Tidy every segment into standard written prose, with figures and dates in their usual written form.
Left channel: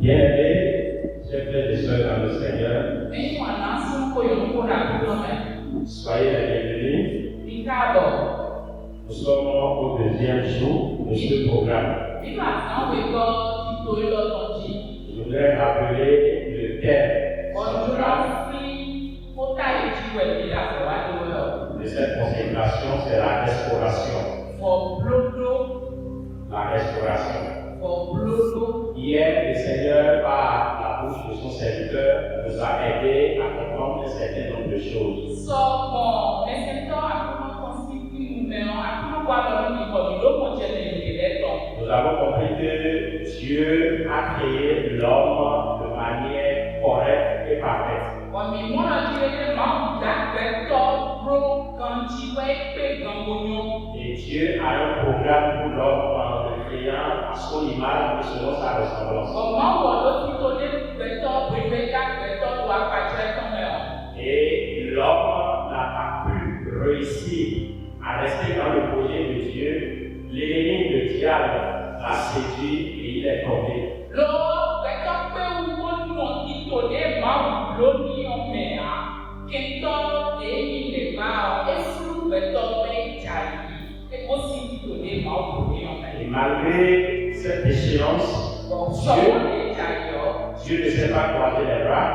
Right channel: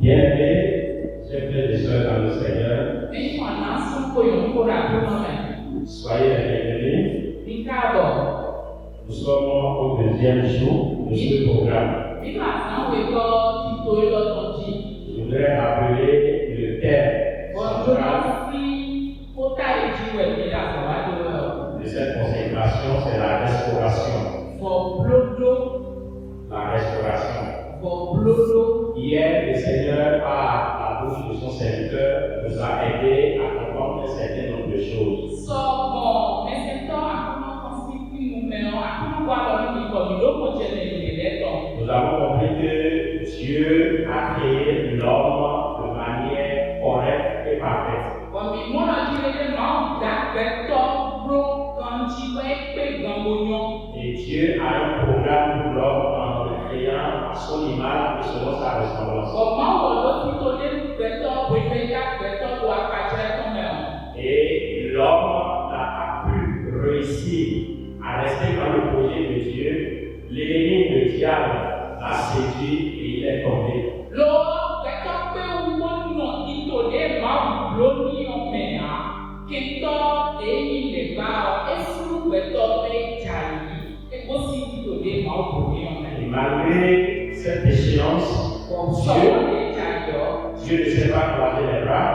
Bien-aimés, chers frères et sœurs dans le Seigneur, soyez les bienvenus. Nous sommes au deuxième jour de ce programme. Je voudrais rappeler le thème de cette consécration, c'est la restauration. La restauration. Hier, le Seigneur, par la bouche de son serviteur, nous a aidés à comprendre un certain nombre de choses. Nous avons compris que Dieu a créé l'homme de manière correcte et parfaite. Et Dieu a un programme pour l'homme en le créant à son image et selon sa ressemblance. Et l'homme n'a pas pu réussir à rester dans le projet de Dieu. L'ennemi, le diable, a séduit et il est tombé. Et malgré cette déchéance, Dieu ne s'est pas croisé les bras.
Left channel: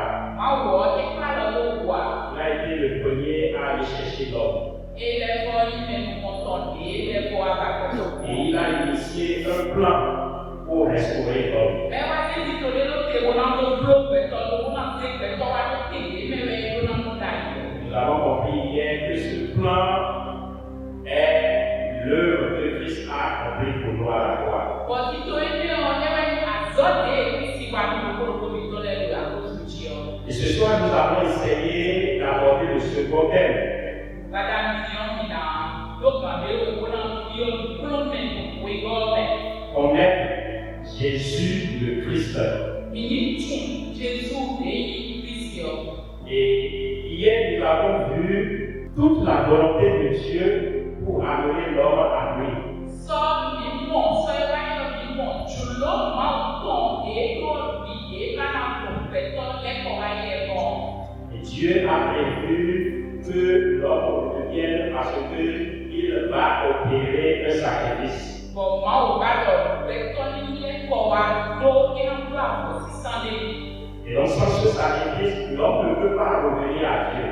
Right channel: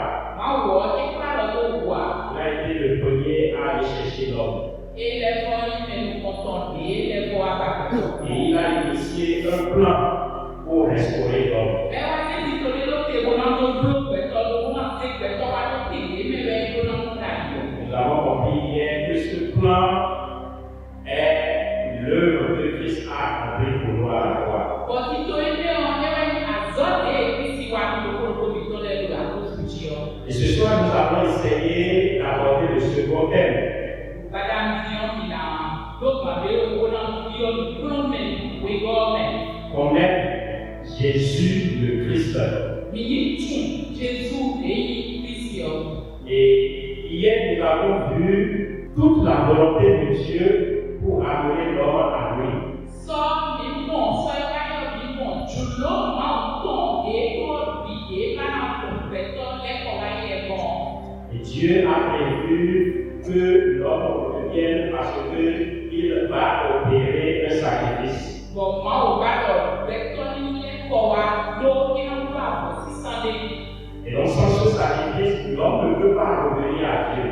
Il a été le premier à aller chercher l'homme. Et il a initié un plan pour restaurer l'homme. Nous avons compris hier que ce plan est l'œuvre que Christ a accomplie pour nous à la croix. Et ce soir, nous allons essayer d'aborder le second thème. Connaître Jésus le Christ. Et hier, nous avons vu toute la volonté de Dieu pour amener l'homme à lui. Et Dieu a prévu que l'homme revienne parce qu'il va opérer un sacrifice. Et donc sans ce sacrifice, l'homme ne peut pas revenir à Dieu.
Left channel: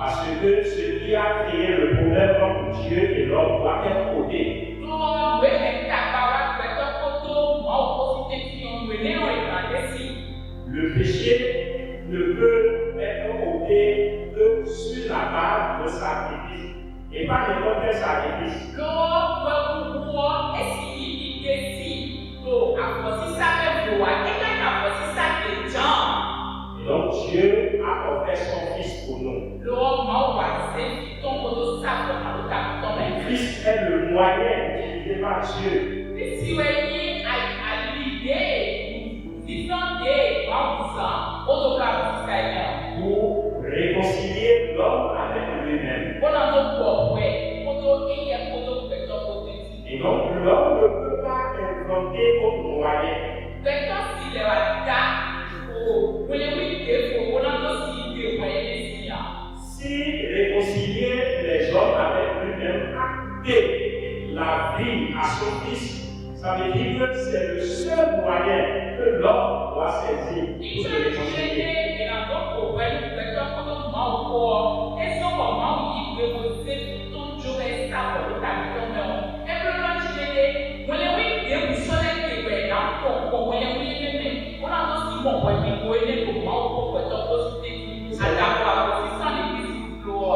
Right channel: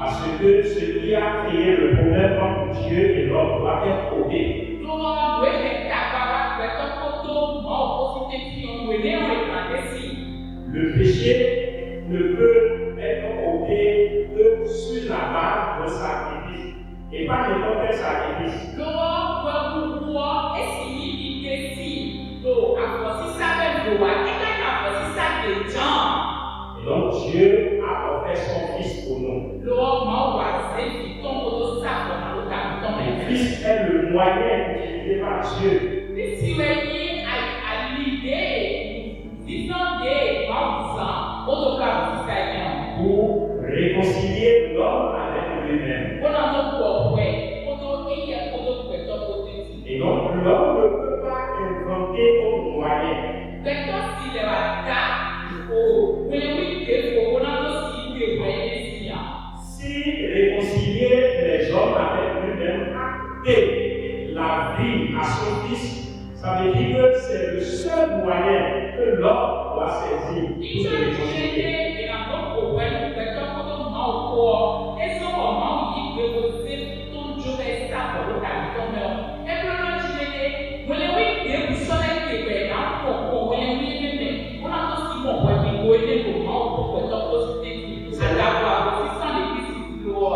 Parce que ce qui a créé le problème entre Dieu et l'homme doit être ôté. Le péché ne peut être ôté que sur la base d'un sacrifice et pas n'importe quel sacrifice. Et donc Dieu a offert son Fils pour nous. Et Christ est le moyen utilisé par Dieu pour réconcilier l'homme avec lui-même. Et donc l'homme ne peut pas inventer autre moyen. Si réconcilier les hommes avec lui-même, acter la vie à son Fils, ça veut dire que c'est le seul moyen que l'homme doit saisir pour se réconcilier.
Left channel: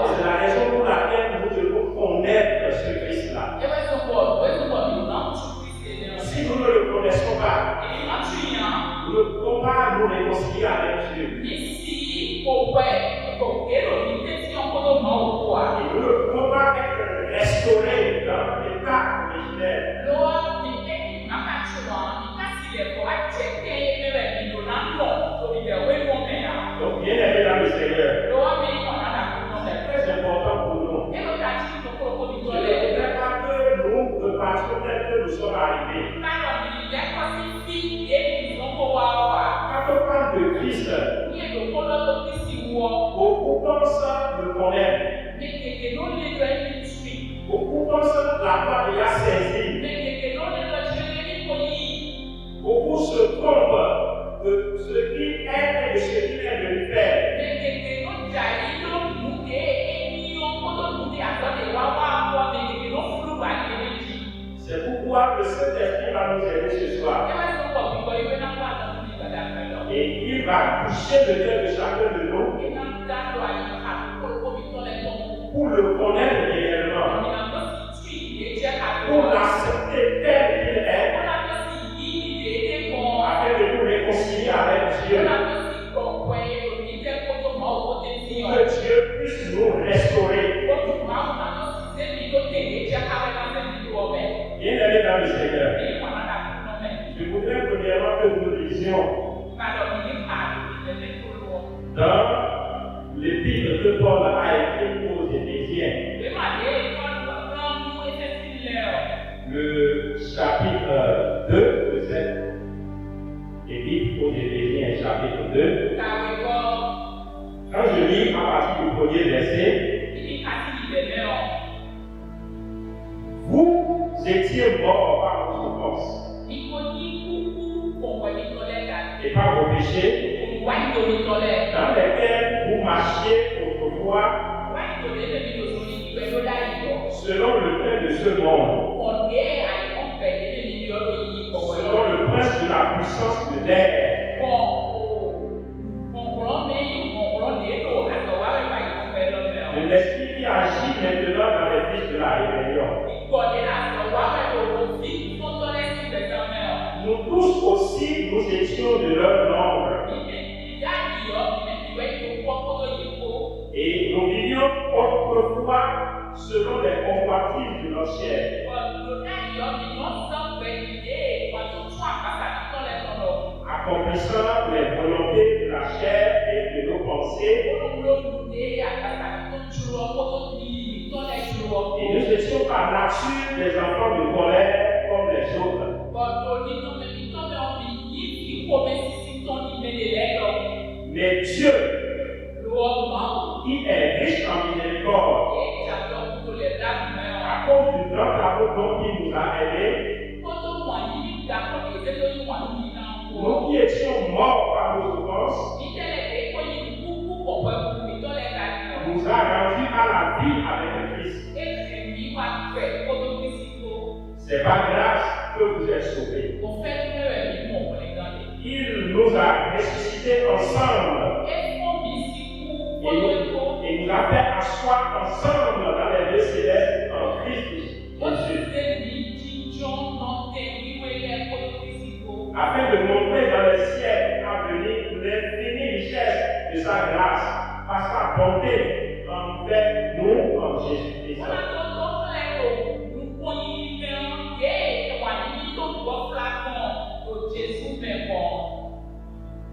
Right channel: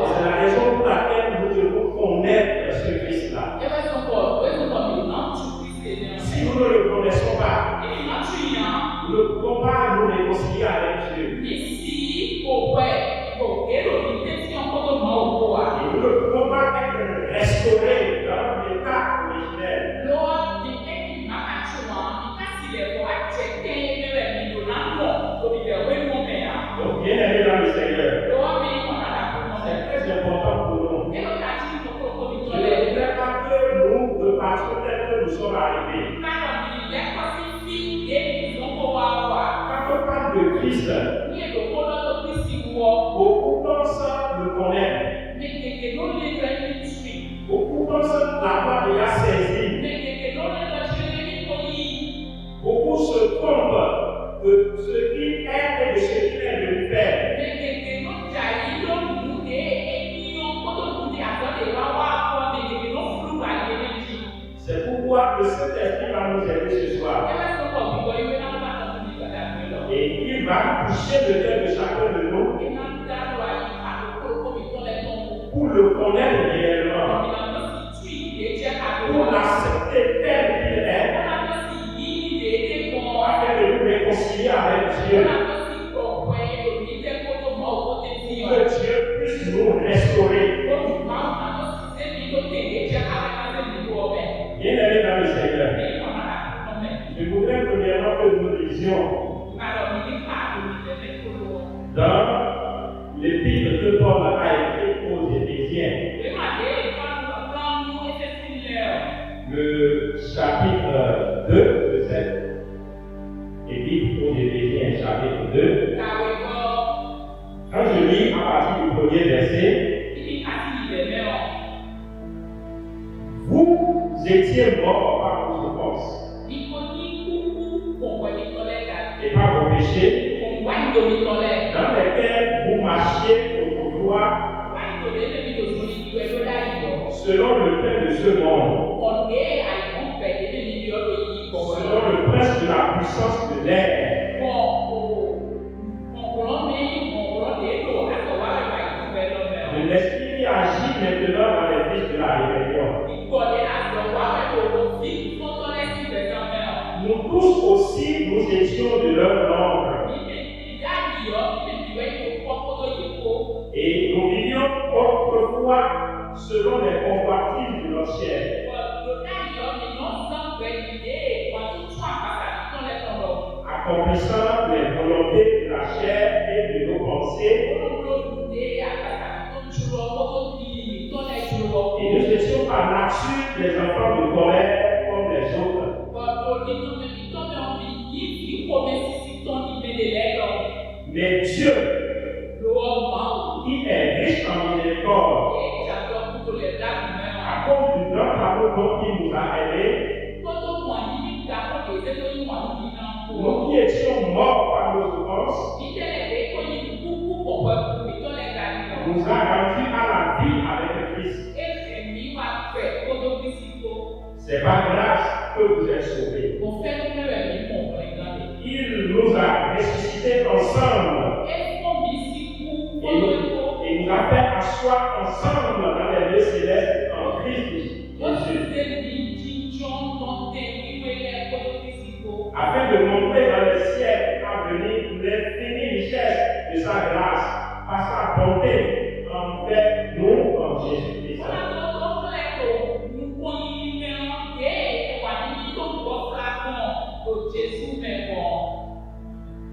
C'est la raison pour laquelle nous devons connaître ce Christ-là. Si nous ne le connaissons pas, nous ne pouvons pas nous réconcilier avec Dieu. Et nous ne pouvons pas être restaurés dans l'état originel. Donc, bien aimé dans le Seigneur, c'est très important pour nous. Je ne voudrais pas que nous repartions tel que nous sommes arrivés. Christ. Beaucoup pensent le connaître. Beaucoup pensent l'avoir déjà saisi. Beaucoup se trompent de ce qu'il est et de ce qu'il est venu faire. C'est pourquoi le Saint-Esprit va nous aider ce soir. Et il va toucher le cœur de chacun de nous pour le connaître réellement, pour l'accepter tel qu'il est, afin de nous réconcilier avec Dieu. Que Dieu puisse nous restaurer. Bien-aimés dans le Seigneur, je voudrais premièrement que nous lisions dans l'épître que Paul a écrit aux Éphésiens, le chapitre 2 de cette épître aux Éphésiens, chapitre 2. Quand je lis à partir du premier verset, vous étiez morts par vos offenses et par vos péchés, dans lesquels vous marchiez autrefois selon le prince de ce monde, selon le prince de la puissance de l'air, de l'esprit qui agit maintenant dans les fils de la rébellion. Nous tous aussi, nous étions de leur nombre. Et nous vivions autrefois selon les convoitises de notre chair. Accomplissant les volontés de la chair et de nos pensées. Et nous étions par nature des enfants de colère comme les autres. Mais Dieu, qui est riche en miséricorde, à cause du grand amour dont il nous a aimés, nous qui étions morts par nos offenses, nous a rendus à la vie avec le Christ. C'est par grâce que vous êtes sauvés. Il nous a ressuscités ensemble et nous a fait asseoir ensemble dans les lieux célestes en Christ Jésus, afin de montrer dans les siècles à venir l'infinie richesse de sa grâce par sa bonté envers nous en Jésus-Christ.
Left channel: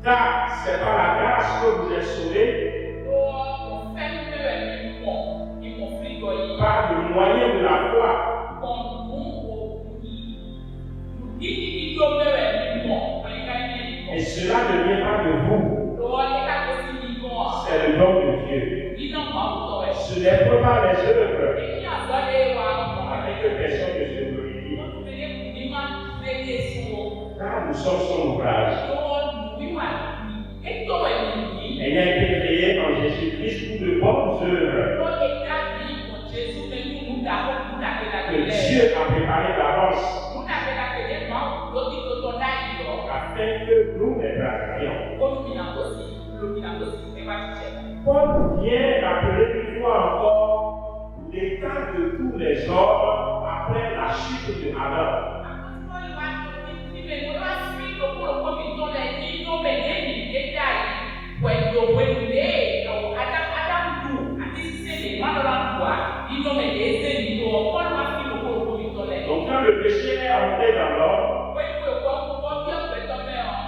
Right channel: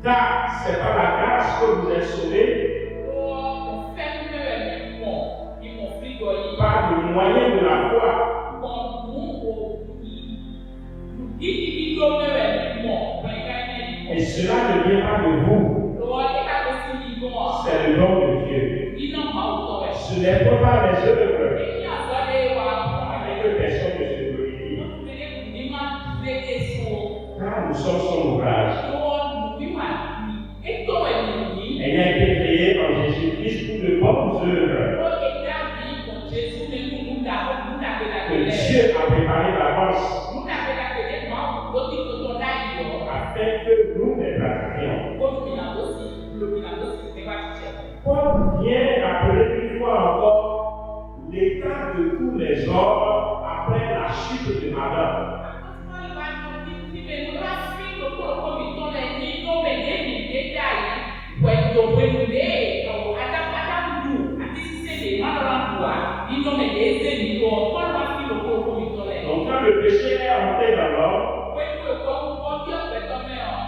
Car c'est par la grâce que vous êtes sauvés, par le moyen de la foi. Et cela ne vient pas de vous, c'est le don de Dieu. Ce n'est pas par les œuvres, afin que personne ne se glorifie. Car nous sommes son ouvrage, ayant été créés en Jésus-Christ pour de bonnes œuvres que Dieu a préparées d'avance afin que nous les pratiquions. Paul vient rappeler une fois encore l'état de tous les hommes après la chute de Adam. Donc quand le péché est entré dans l'homme,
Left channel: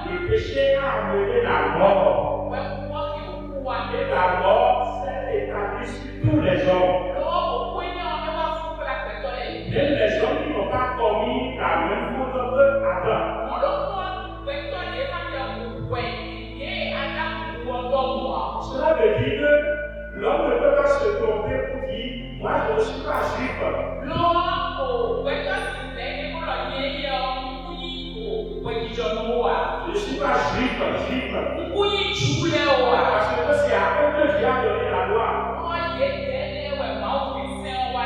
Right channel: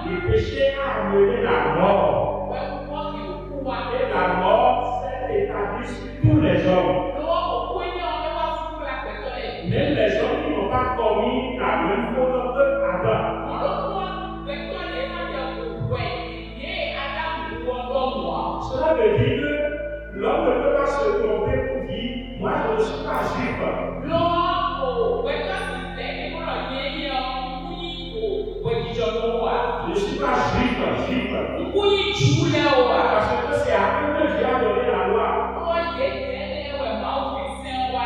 le péché a amené la mort. Et la mort s'est établie sur tous les hommes. Même les hommes qui n'ont pas commis la même faute que Adam. Cela veut dire que l'homme ne peut pas se tromper pour dire moi je ne suis pas juif. Je ne suis pas juif. Parce que c'est à eux que Dieu a donné la loi.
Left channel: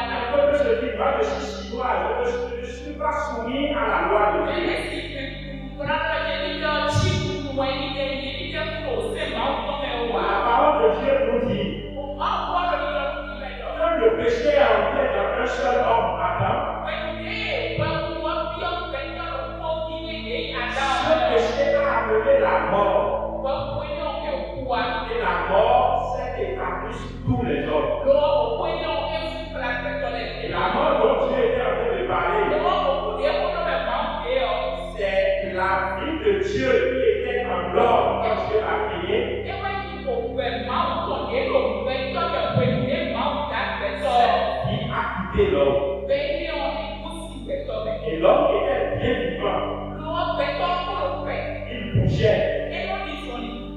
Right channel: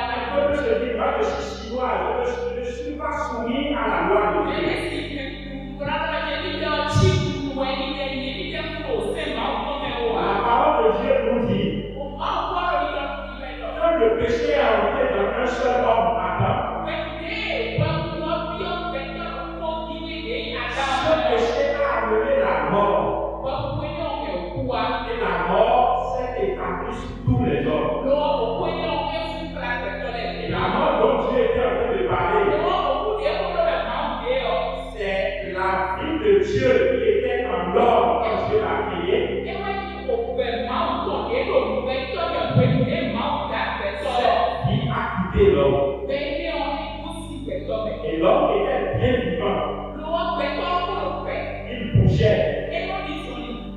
Un peuple se dit moi je suis chinois, je ne suis pas soumis à la loi de Dieu. La parole de Dieu nous dit que le péché est entré dans un seul homme, Adam. Ce péché a amené la mort. Et la mort s'est établie sur tous les hommes. Et la mort dont Dieu était en train de parler, c'est la vie de Dieu qui était en l'homme quand Dieu l'a créé. Qui a quitté l'homme. Et l'homme était bien vivant. Il bougeait.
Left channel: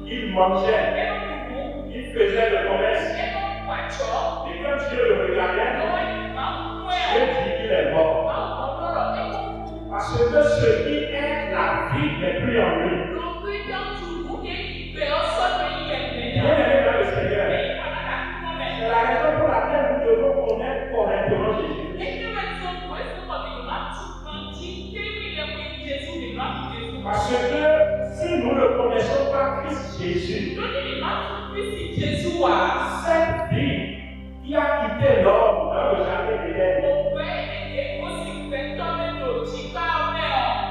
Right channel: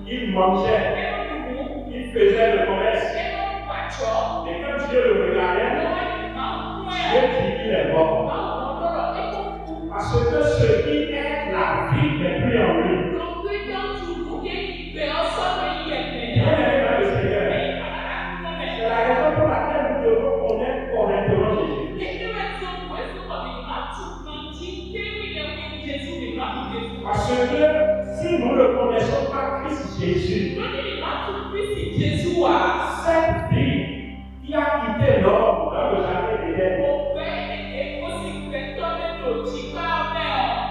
Il mangeait. Il faisait le commerce. Et quand Dieu le regardait, Dieu dit qu'il est mort. Parce que ce qui est la vie n'est plus en lui. Bien-aimé dans le Seigneur, c'est la raison pour laquelle nous devons connaître correctement Jésus. Parce que si nous ne connaissons pas Christ Jésus, cette vie qui a quitté l'homme dans le jardin d'Éden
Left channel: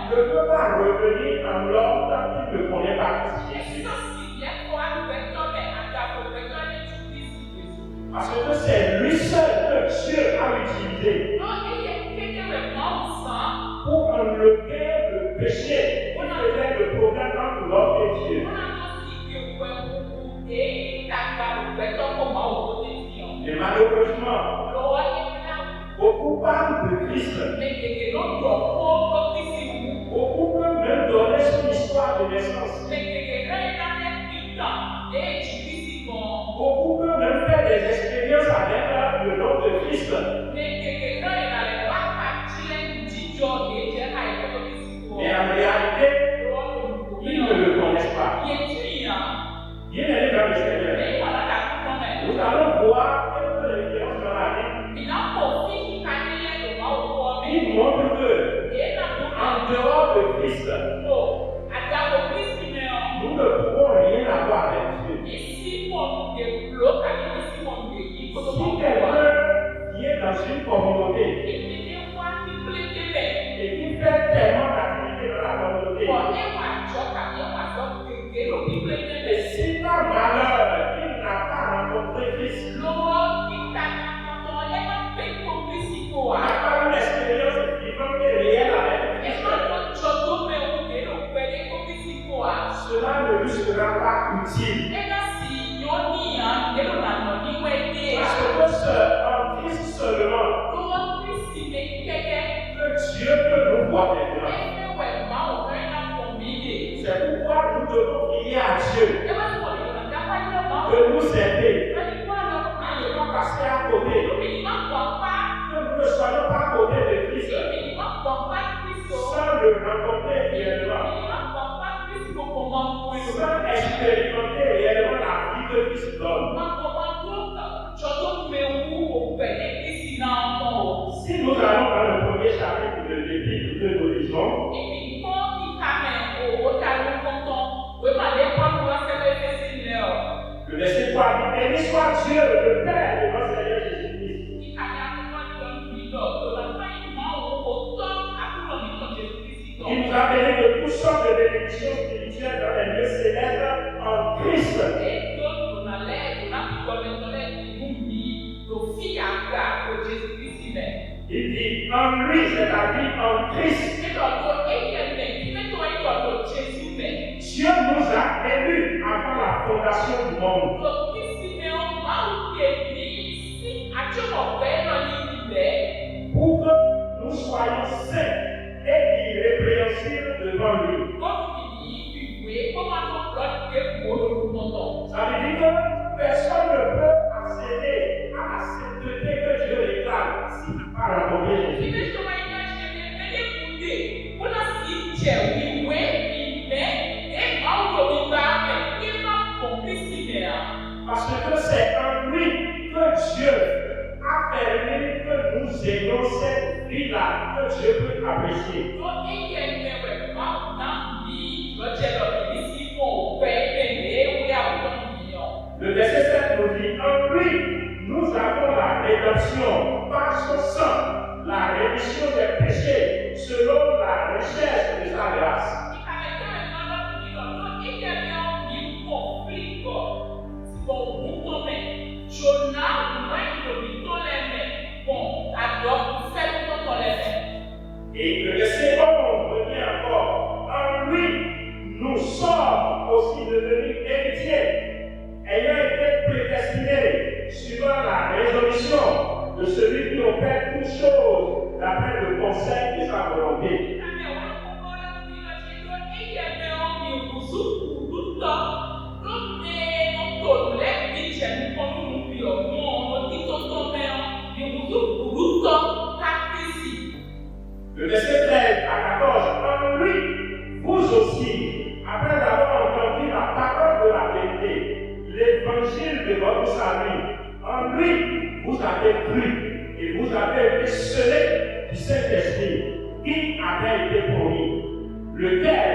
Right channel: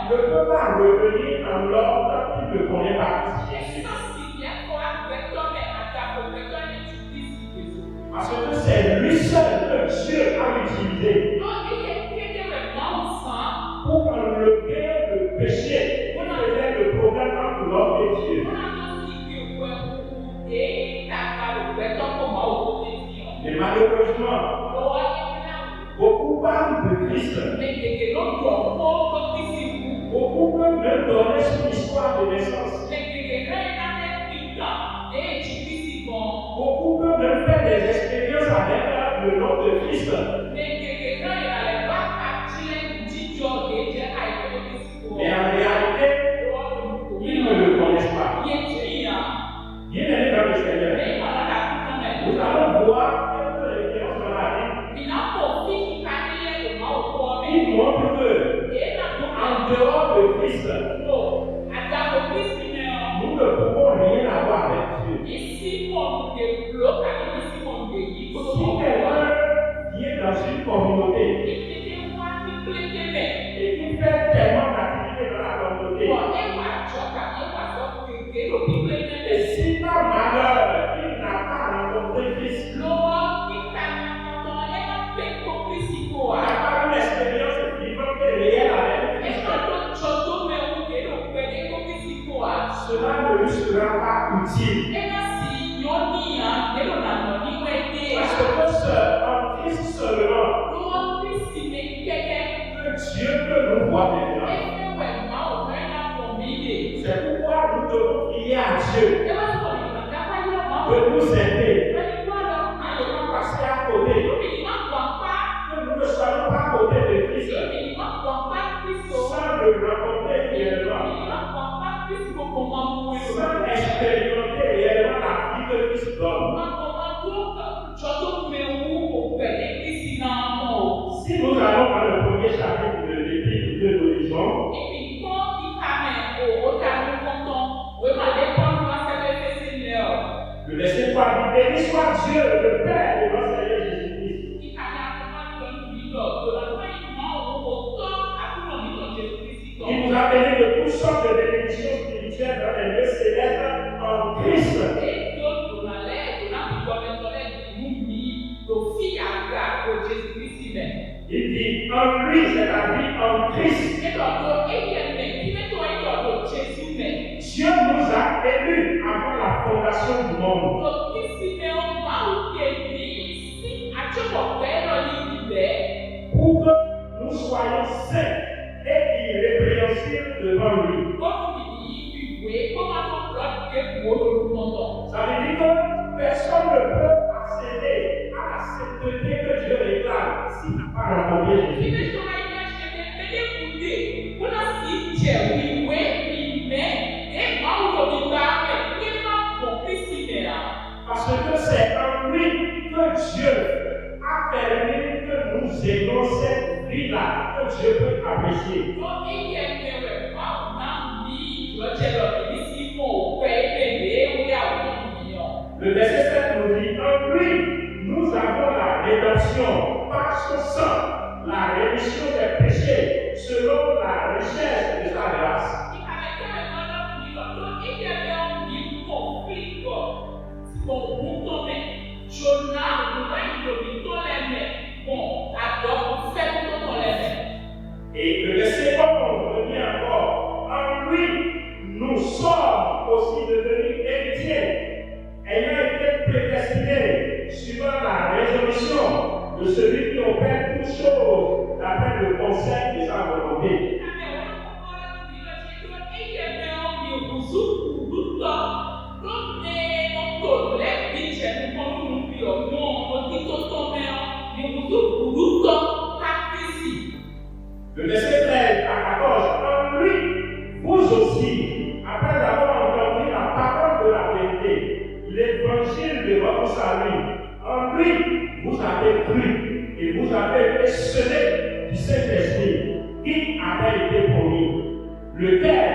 ne peut pas revenir dans l'homme tant qu'il ne connaît pas Christ Jésus. Parce que c'est lui seul que Dieu a utilisé pour enlever le péché qui faisait le problème entre l'homme et Dieu. Et malheureusement, beaucoup parlent de Christ. Beaucoup peuvent même donner son histoire de naissance. Beaucoup peuvent même faire des expériences avec le nom de Christ. Mais en réalité, ils ne le connaissent pas. Bien-aimé dans le Seigneur, nous allons voir quelques références dans la Bible qui montrent que, en dehors de Christ, nous ne pouvons rien avoir avec Dieu. Si quelqu'un vient dans une communauté et qui fait tellement d'activités dans la communauté, et si par malheur il n'a pas rencontré Christ, n'a pas une expérience vivante et réelle avec Christ, cela ne lui sera pas utile. Parce que c'est en Christ seulement que Dieu peut nous voir maintenant. C'est pourquoi nous devons prier à Dieu de nous aider à ne pas passer à côté, que nous ne soyons pas à côté de Christ sans le rencontrer réellement, sans expérimenter réellement la vie que Christ donne. Si nous allons dans le premier chapitre de l'Épître que nous lisons, le verset 3 dit: béni soit Dieu, le Père de notre Seigneur Jésus-Christ. Il nous a bénis de toutes sortes de bénédictions spirituelles dans les lieux célestes en Christ. Il dit en lui, c'est la vie en Christ. Dieu nous a élus avant la fondation du monde. Pour que nous soyons saints et irrépréhensibles devant lui. Ça veut dire que Le verset 7 nous dit, en lui, nous avons la rédemption par son sang, la rémission des péchés, selon la richesse de sa grâce. Et le verset 11 dit encore, en lui, nous sommes aussi devenus héritiers, ayant été prédestinés suivant la résolution de celui qui opère toutes choses d'après le conseil de sa volonté. Le verset 13 à 14, en lui, vous aussi, après avoir entendu la parole de la vérité, l'évangile de votre salut, en lui, vous avez cru et vous avez été scellés du Saint-Esprit qui avait été promis, lequel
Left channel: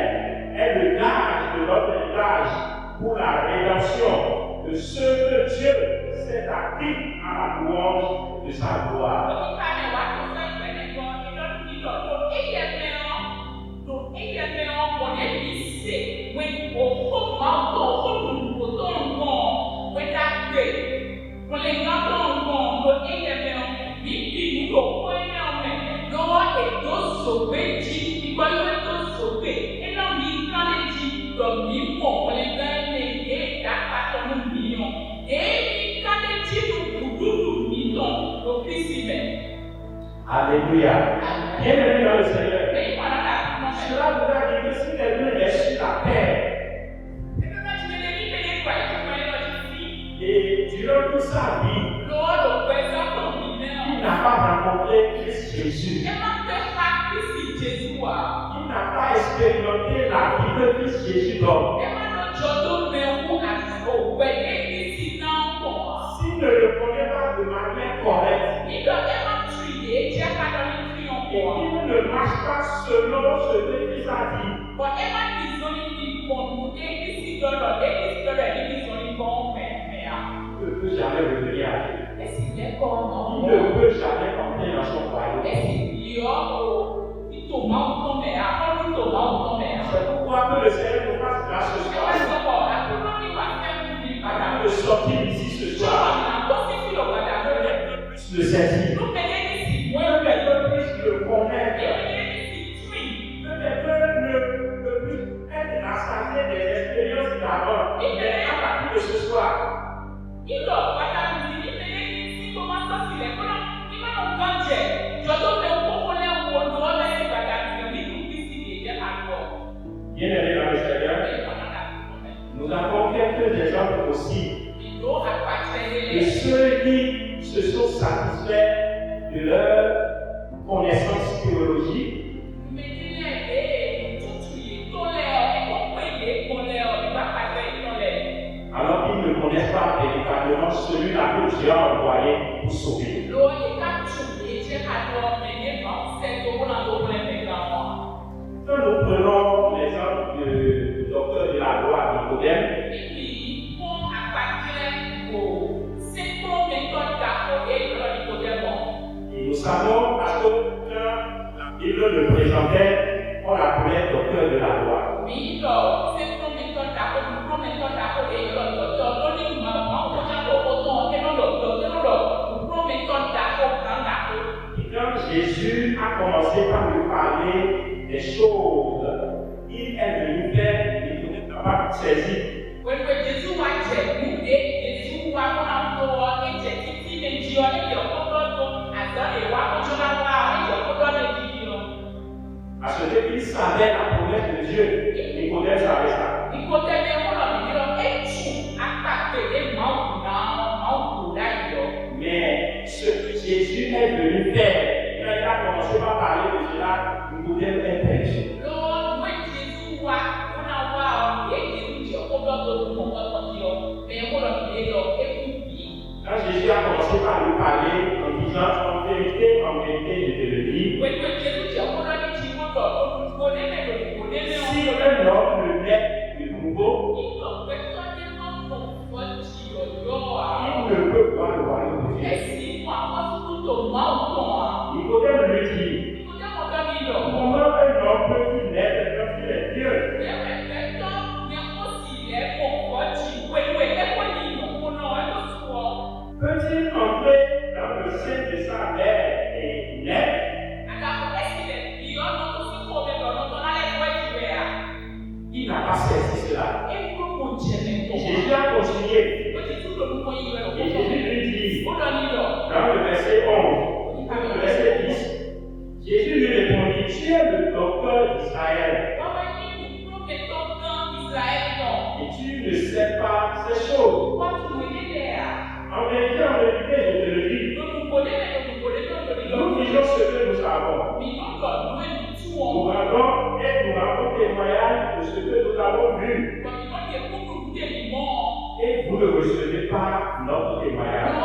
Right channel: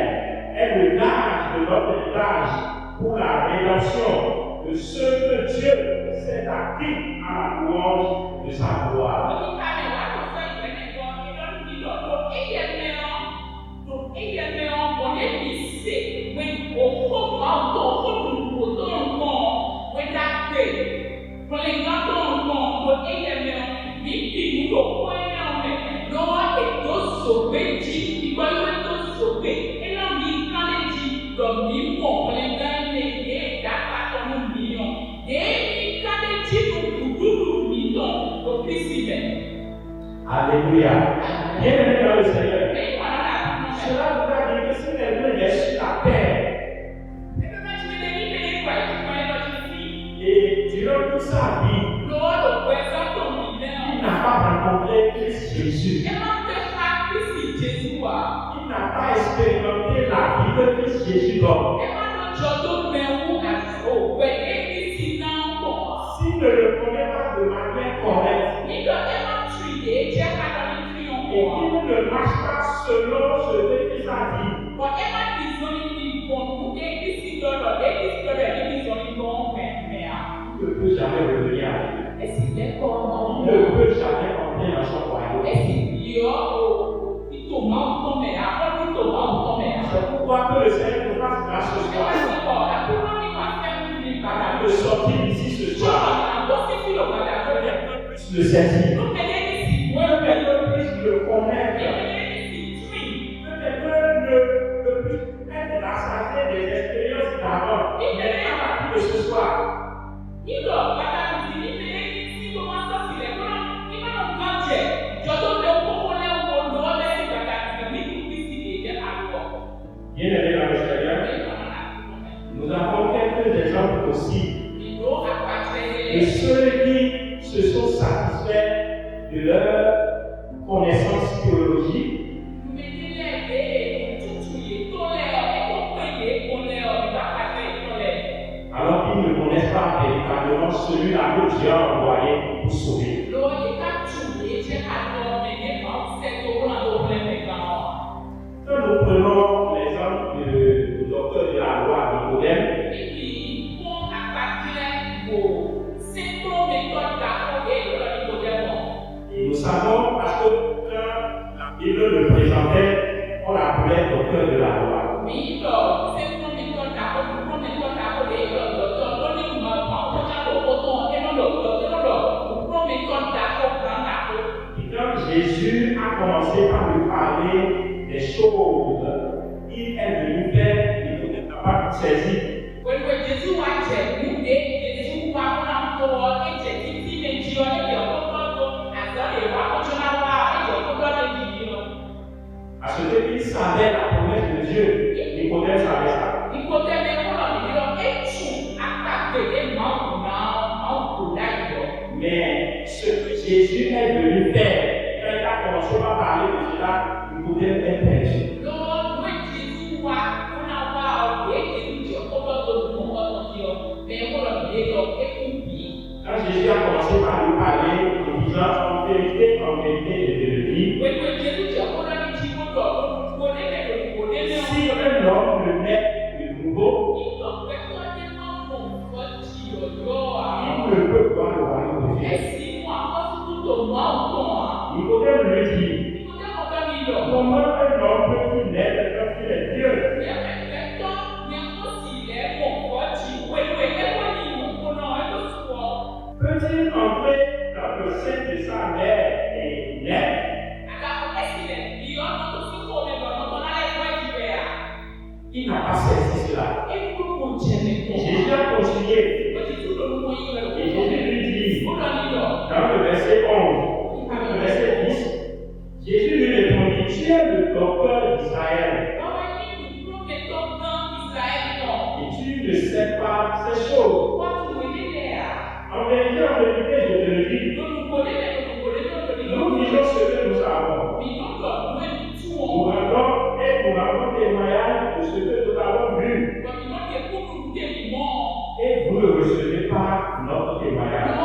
est le gage de votre héritage pour la rédemption de ceux que Dieu s'est acquis à la louange de sa gloire. Alléluia. Bienvenue dans le Seigneur. Cela voudra dire que si quelqu'un est sur la terre et durant toute sa vie, il n'a pas rencontré Christ Jésus, il n'a pas expérimenté la vie que Christ Jésus donne, s'il ne le connaît pas de manière correcte, et qu'il ne marche pas selon ce que Christ a dit, il ne peut jamais revenir à Dieu. Il ne peut jamais entrer dans son royaume. C'est pourquoi que le Seigneur nous fasse grâce ce soir. Avant de sortir d'ici ce soir, que quelqu'un puisse le saisir, que quelqu'un puisse le connaître, que quelqu'un ne puisse être rassasié des expériences d'avant, mais à partir de ce soir, bien-aimés dans le Seigneur, nous avons quelques exemples aussi de ceux qui se sont satisfaits de leur connaissance théologique, alors qu'ils ne connaissent pas véritablement celui-là que Dieu a envoyé pour sauver. Quand nous prenons l'exemple du docteur de la loi Nicodème, et nous savons parce que quand la Bible le présentait, on l'appelait docteur de la loi. Et quand Jésus a commencé par lui parler des choses, il est venu faire, il n'était pas saisi. À ce qu'il savait la promesse de Dieu, Nicodème savait ça. Mais ce que Jésus est venu faire, quand il a commencé par parler de cela, Nicodème est perdu. Quand Jésus a commencé par lui parler en disant en vérité, je te le dis, si un homme le naît de nouveau, ne sais pas ces choses. En vérité, je te le dis. Nous disons ce que nous savons. Nous rendons témoignage de ce que nous avons vu. Et vous ne recevez pas notre témoignage.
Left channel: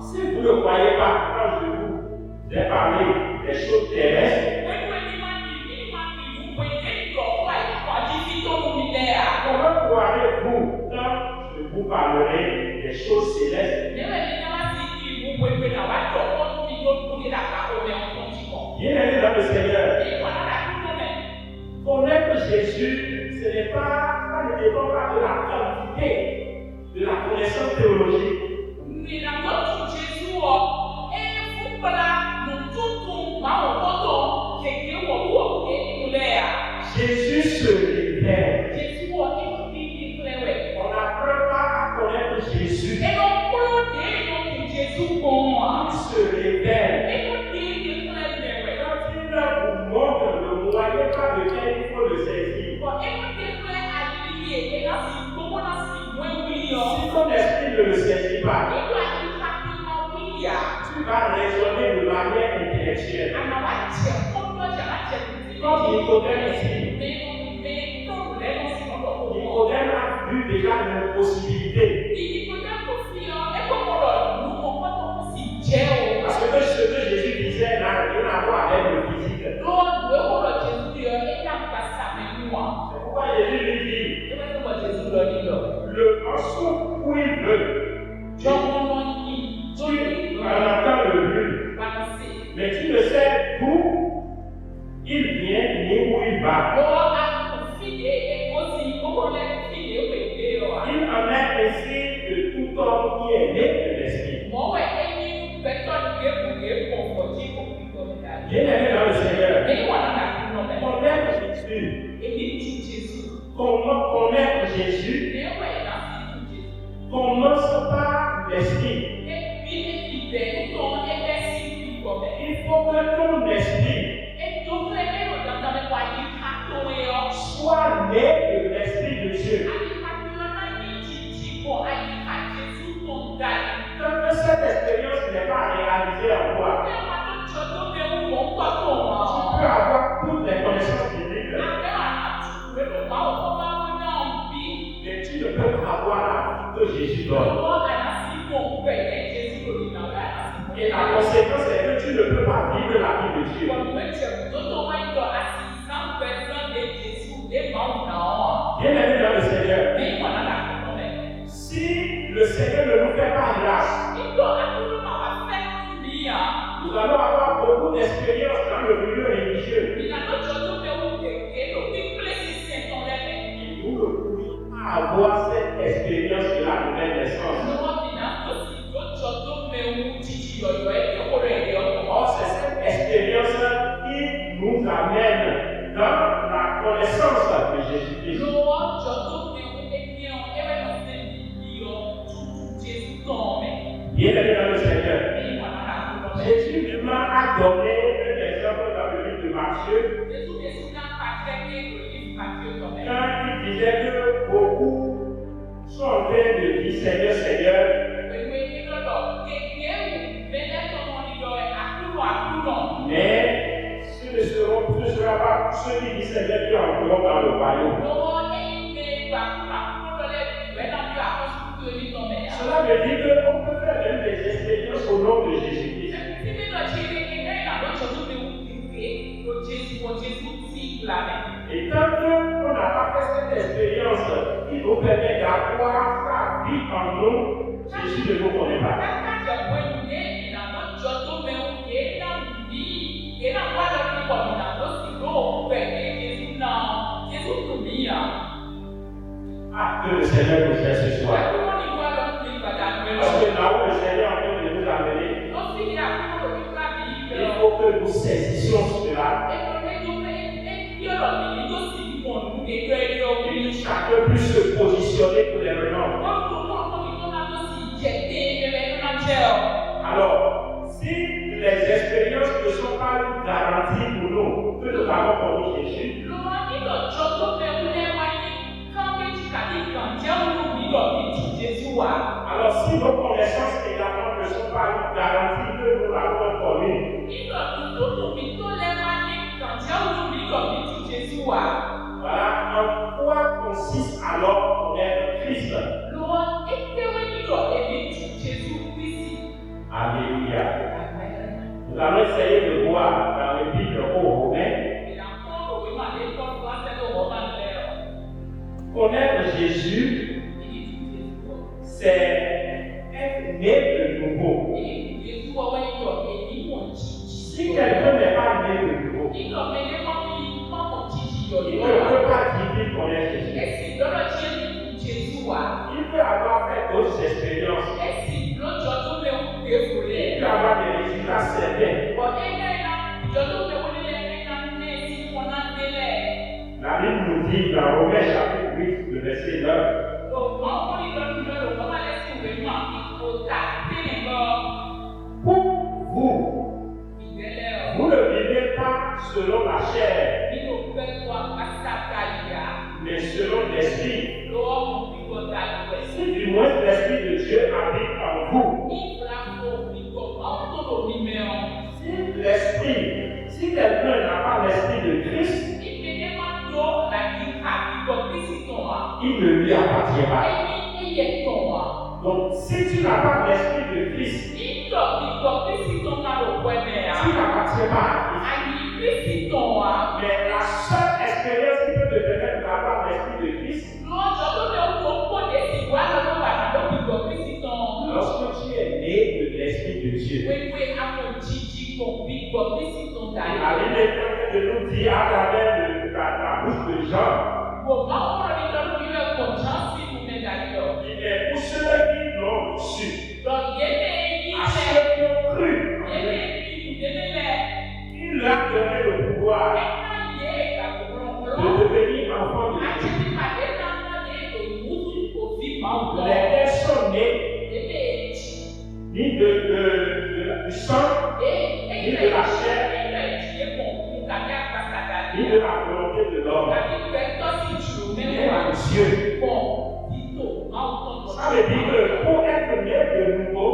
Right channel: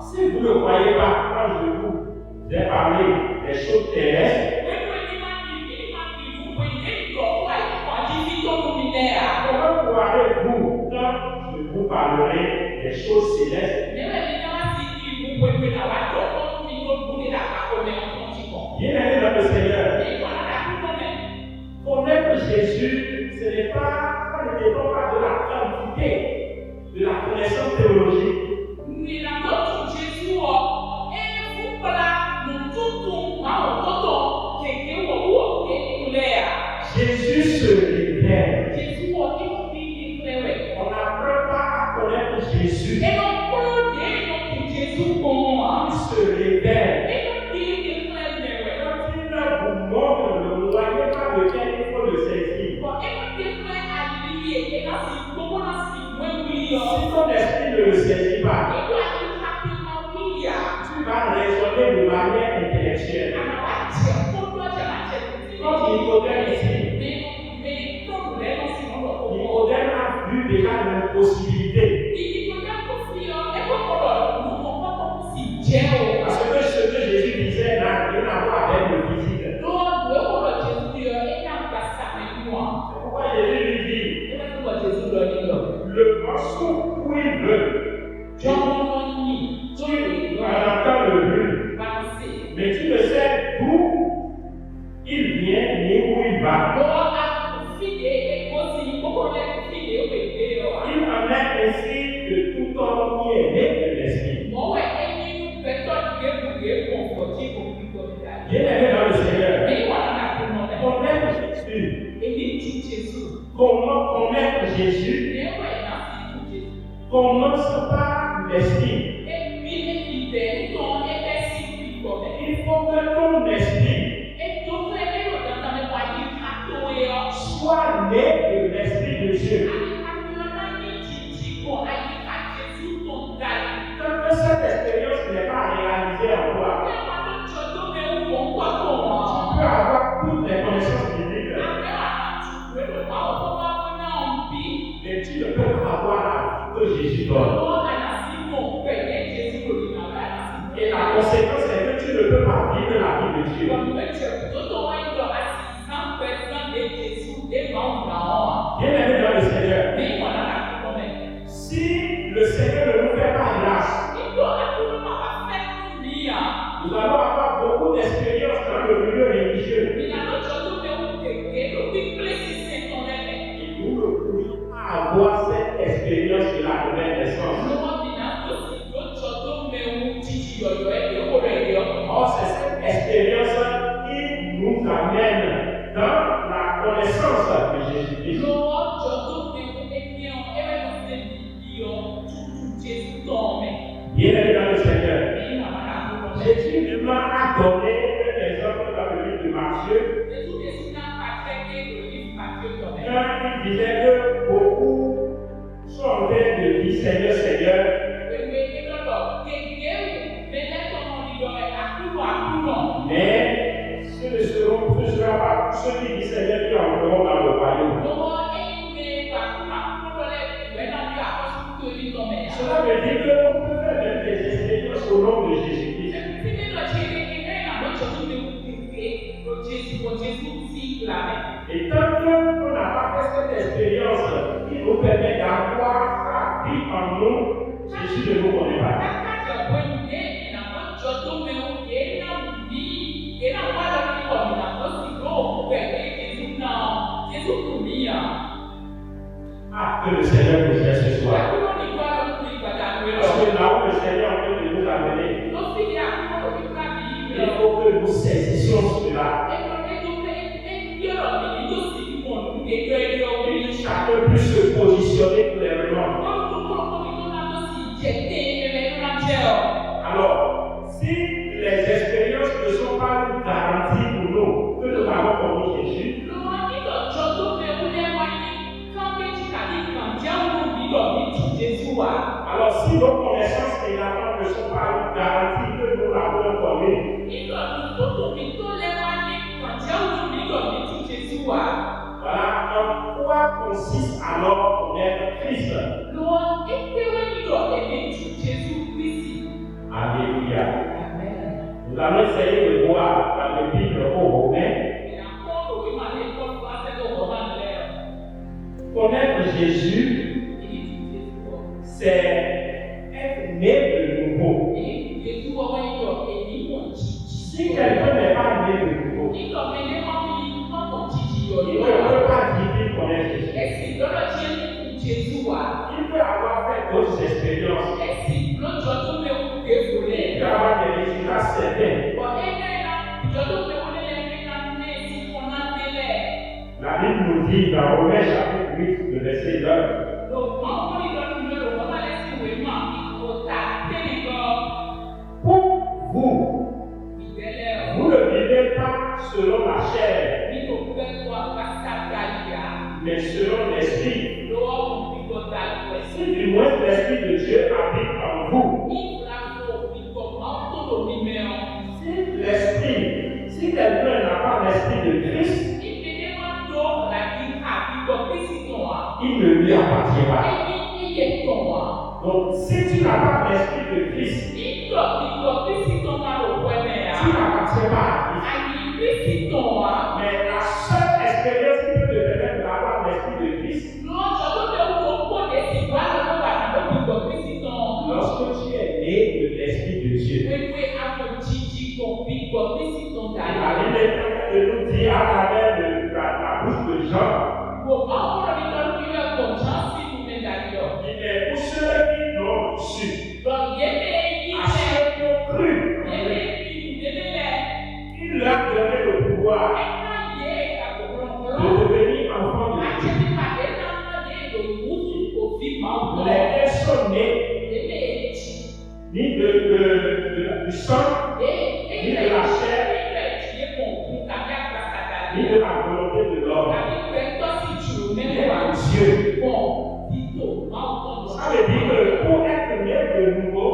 Si vous ne croyez pas, quand je vous ai parlé des choses terrestres, comment croirez-vous quand je vous parlerai des choses célestes? Bien-aimés dans le Seigneur, connaître Jésus, ce n'est pas, ne dépend pas de la quantité, de la connaissance théologique. Jésus se révèle. On n'apprend pas à connaître Jésus. Il se révèle. Quand il vous montre le moyen par lequel il faut le saisir. Si ton esprit ne le saisit pas, tu vas raisonner de manière intellectuelle. Comme Nicodème ici, Nicodème a vu déjà l'impossibilité. Parce que ce que Jésus disait n'a rien à voir avec le physique. C'est pourquoi Jésus lui dit, le morceau où il veut, tu en entends le bruit, mais tu ne sais d'où il vient ni où il va. Il en est ainsi de tout homme qui est né de l'esprit. Bien-aimé dans le Seigneur, connaître Jésus. Comment connaître Jésus? Commence par l'esprit. Il faut que ton esprit soit né de l'esprit de Dieu. Tant que cette expérience n'est pas réalisée en toi, tu peux avoir toutes les connaissances bibliques, mais tu ne peux pas avoir la vie que Jésus donne. Et la conséquence est que tu ne peux pas vivre la vie de Dieu. Bien-aimé dans le Seigneur, si le Seigneur ne nous fait pas grâce, nous allons avoir beaucoup d'expériences dans le milieu religieux. Et nous ne pourrions pas avoir cette expérience de la nouvelle naissance. Or, c'est cette expérience qui nous amène dans la connaissance de Jésus-Christ. Bien-aimé dans le Seigneur, Jésus a donné un exemple dans le livre de Matthieu. Quand il disait que beaucoup sont en train de dire Seigneur, Seigneur, mais ce ne sera pas ceux qui disent Seigneur qui entreront dans le royaume. Cela veut dire qu'on peut faire même des expériences au nom de Jésus-Christ. Et tant qu'on n'a pas fait cette expérience qui nous permet d'avoir sa vie en nous, Jésus ne nous connaît pas. Ah, que le Seigneur nous aide ce soir. Parce que là où le Seigneur est en train de nous amener, il faut que nous saisissions cela. Chacun puisse se positionner clairement. Alors, si les expériences ne sont pas garanties pour nous, que nous avons connu Jésus, Alors, si nos connaissances également ne sont pas garanties que nous l'avons connue, voilà en quoi consiste alors connaître Christ. Alléluia. Nous allons essayer de voir dans l'épître aux Romains. Connaître Jésus, c'est être né de nouveau. Si quelqu'un n'est pas né de nouveau, il ne peut pas dire qu'il connaît Jésus. Il peut avoir fait d'autres expériences. Il peut avoir des résultats certains. La Bible nous dit dans Romains chapitre 8, le verset 9. Pour vous, vous ne vivez pas selon la chair, mais selon l'esprit. Si du moins l'esprit de Dieu habite en vous, si quelqu'un n'a pas l'esprit de Christ, il ne lui appartient pas. Donc, si tu n'as pas l'esprit de Christ, tu n'appartiens pas à Christ. Mais la seule expérience qui peut te permettre d'avoir l'esprit de Christ, lorsque tu es né de l'esprit de Dieu. La Bible est en train de nous dire à travers la bouche de Jean. Il est pour ceux qui l'ont reçu, à ceux qui ont cru, il leur a donné le pouvoir de devenir enfants de Dieu. Lesquels sont nés ni du sang, ni de la chair, ni de la volonté de l'homme, mais à Dieu. Ça veut dire que pour être né de nouveau,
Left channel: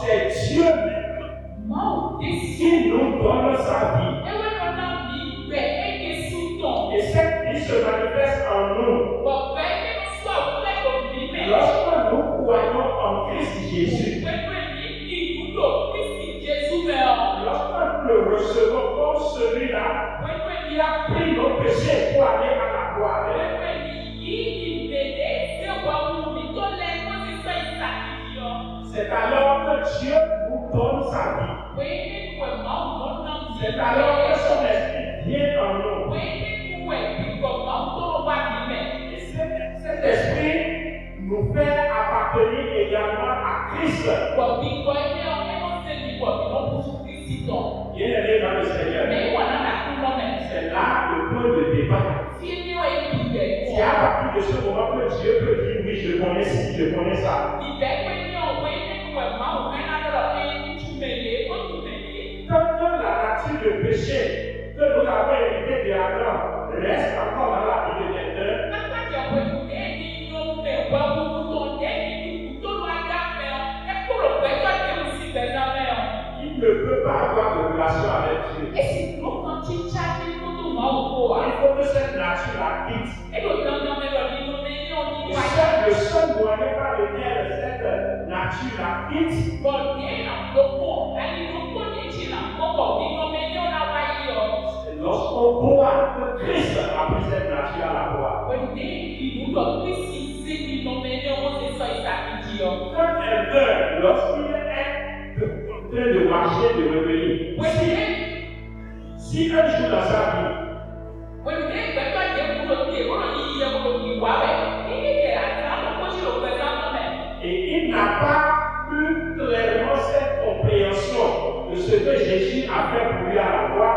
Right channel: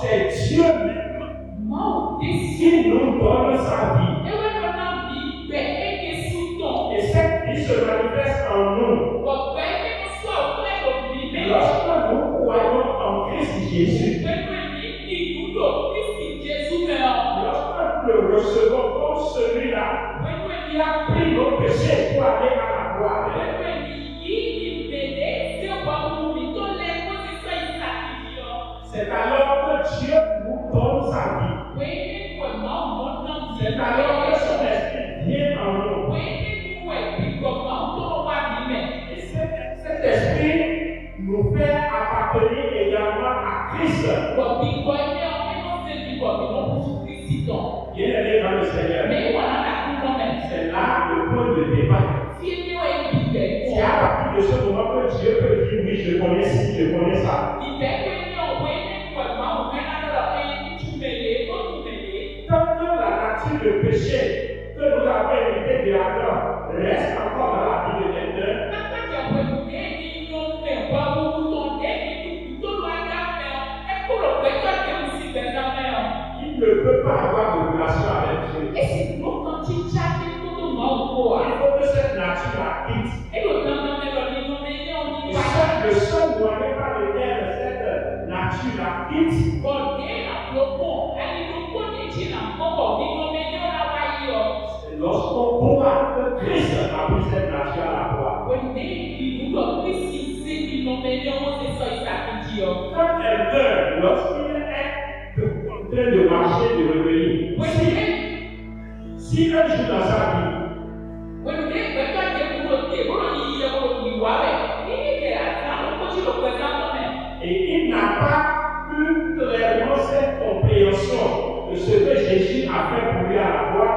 c'est Dieu même qui nous donne sa vie. Et cette vie se manifeste en nous. Lorsque nous croyons en Christ Jésus, lorsque nous le recevons comme celui-là qui a pris nos péchés pour aller à la gloire, c'est alors que Dieu nous donne sa vie. C'est alors que son esprit vient en nous. Et cet esprit nous fait appartenir également à Christ. Bien-aimé dans le Seigneur, c'est là le point de départ. C'est à partir de ce moment que Dieu peut dire oui, je connais ci, je connais ça. Tant que la nature de péché que nous avons hérité de Adam reste encore dans la vie de quelqu'un, il ne peut pas avoir de relation avec Dieu. Il faut que cette nature la quitte. Et le seul moyen par lequel cette nature la quitte, c'est lorsqu'on croit que Christ a pris cette nature à la croix. Quand elle meurt, lorsqu'il est en train de marcher, de revenir, si un jour dans sa vie, et il n'a pas eu clairement cette compréhension de ce que Jésus a fait pour lui à la croix,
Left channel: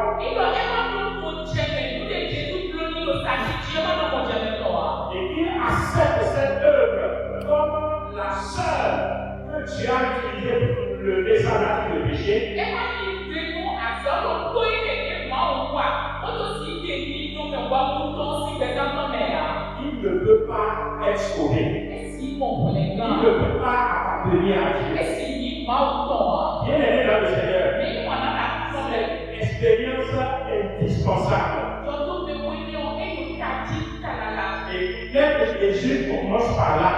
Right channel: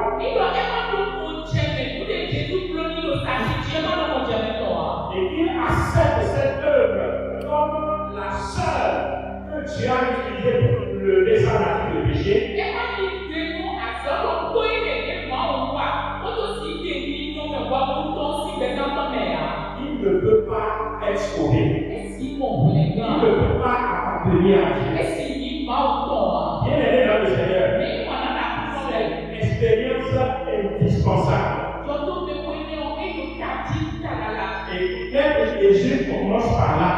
et qu'il accepte cette œuvre comme la seule que Dieu a utilisée pour lever sa nature de péché, il ne peut pas être sauvé. Il ne peut pas appartenir à Dieu. Bien aimé dans le Seigneur, cette expérience est indispensable. Et même Jésus commence par là.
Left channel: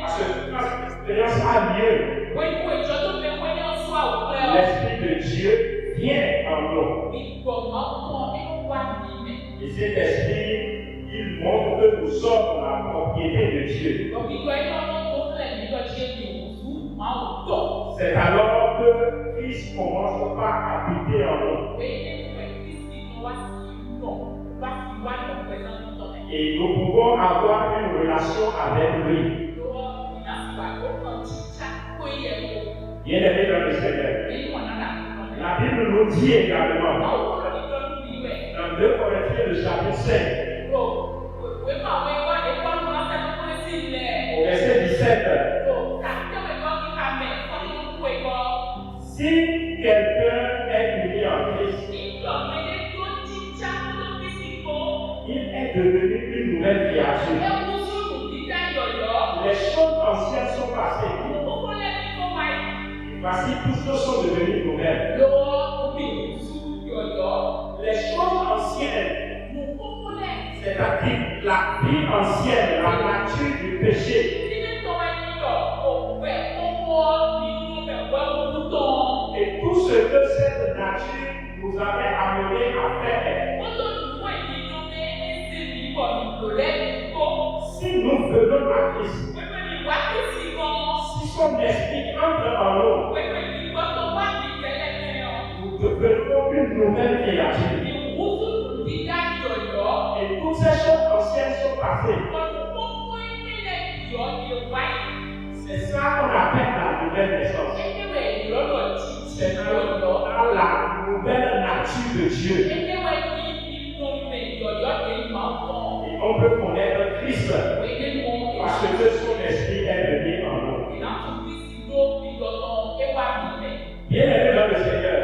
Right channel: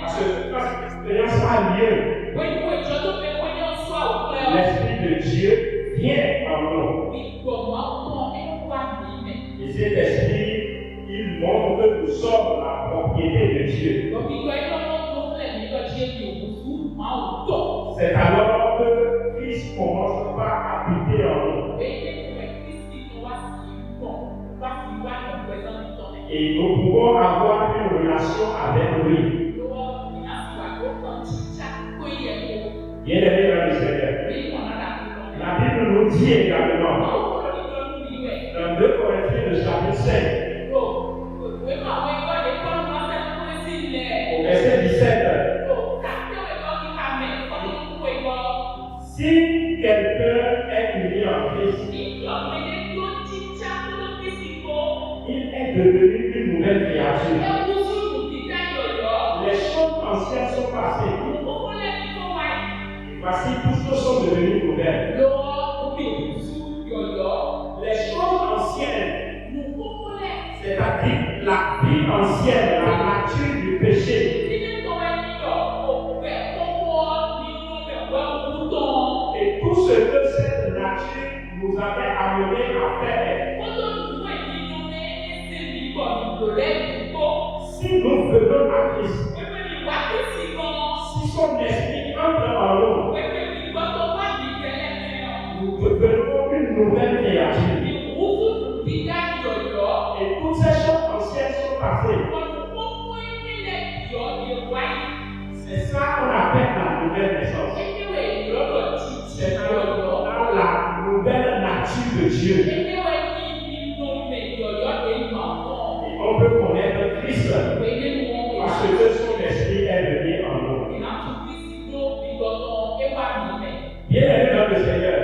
Parce que quand cette expérience a lieu, l'Esprit de Dieu vient en nous. Et cet esprit, il montre que nous sommes la propriété de Dieu. C'est alors que Christ commence par habiter en nous. Et nous pouvons avoir une relation avec lui. Bien aimé dans le Seigneur. La Bible nous dit également dans 2 Corinthiens le chapitre 5, au verset 17, si quelqu'un est uni en Christ, il est devenu une nouvelle créature. Les choses anciennes sont passées. Et voici, toutes choses sont devenues nouvelles. Les choses anciennes, c'est-à-dire la vie ancienne, la nature du péché, et tout ce que cette nature nous avait amené à faire. Si nous venons à Christ, si son esprit entre en nous, nous devenons une nouvelle créature. Et toutes ces choses anciennes sont passées. C'est ça qu'on appelle la nouvelle naissance. C'est dans la nouvelle nature de Dieu. Et on peut connaître Christ parce que son esprit est venu en nous. Bien aimé dans le Seigneur.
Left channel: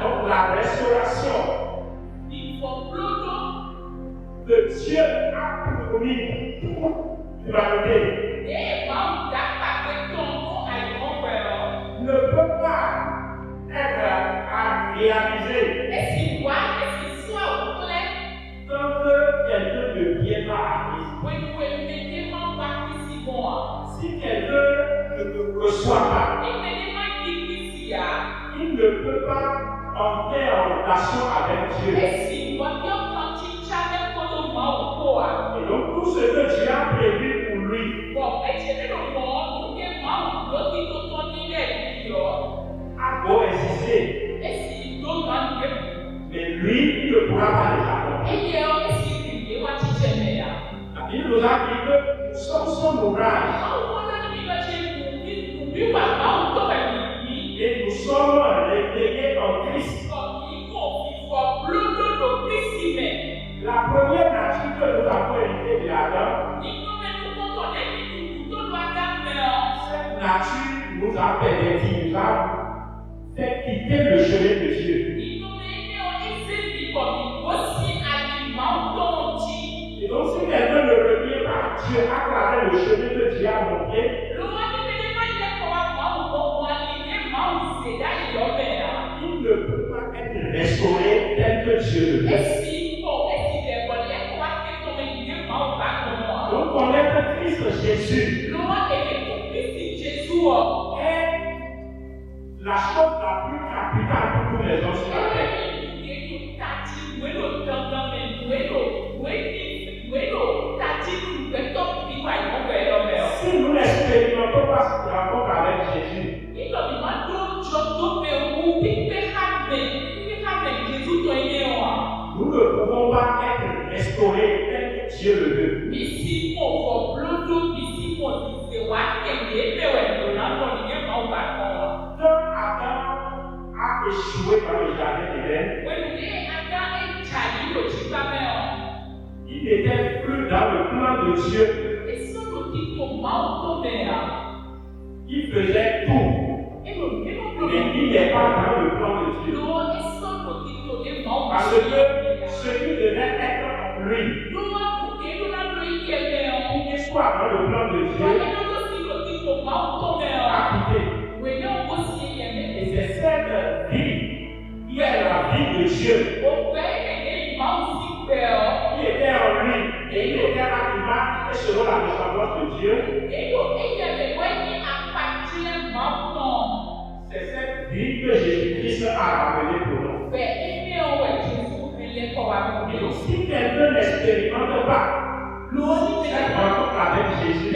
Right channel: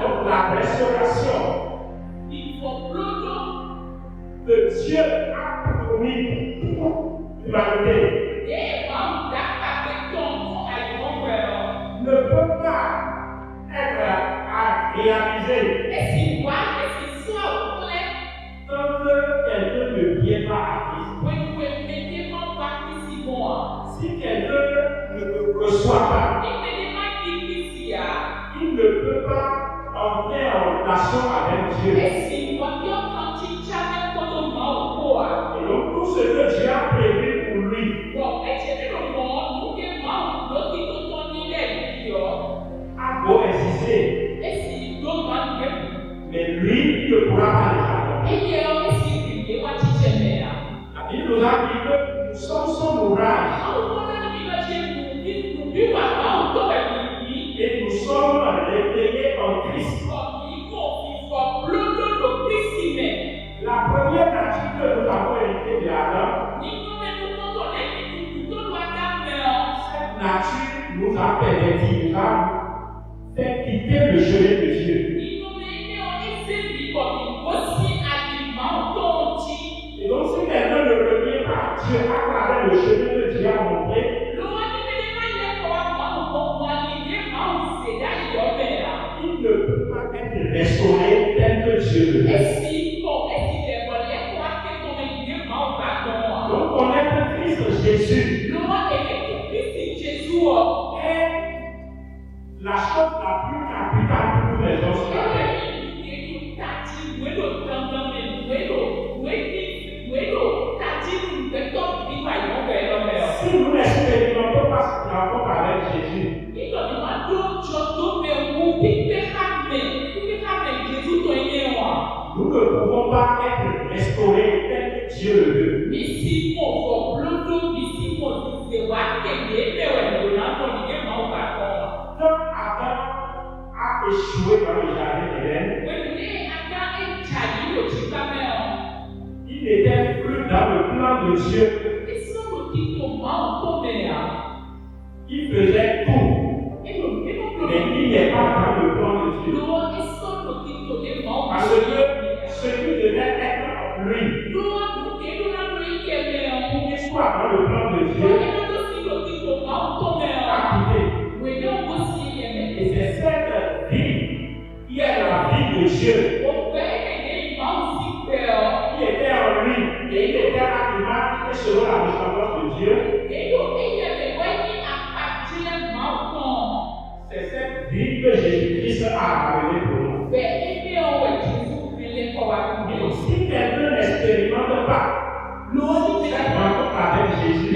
Donc la restauration que Dieu a promis pour l'humanité ne peut pas être à réaliser tant que quelqu'un ne vient pas à Christ. Si quelqu'un ne le reçoit pas, il ne peut pas entrer en relation avec Dieu. Et donc tout ce que Dieu a prévu pour lui a beau exister, mais lui, il ne pourra pas les accomplir. La Bible nous a dit que nous sommes son ouvrage. Et nous sommes réveillés en Christ. La première nature que nous avons héritée de Adam, cette nature nous a permis, nous a fait quitter le chemin de Dieu. Et donc si quelqu'un ne revient pas à Dieu à travers le chemin que Dieu a montré, il ne peut pas être restauré tel que Dieu le veut. Donc connaître Christ Jésus est la chose la plus capitale pour tous les hommes sur la terre. Si nous n'expérimentons pas cette rencontre avec Jésus, nous ne pouvons pas être restaurés tel que Dieu le veut. Quand Adam a échoué dans le jardin d'Éden, il n'était plus dans le plan de Dieu. Il faisait tout, mais il n'est pas dans le plan de Dieu. Parce que ce qui devait être Dieu. Qui était en lui et il était animal et selon la ressemblance de Dieu. C'est cette vie que Jésus-Christ a amenée pour nous. Et si quelqu'un n'expérimente pas cette rencontre avec Jésus,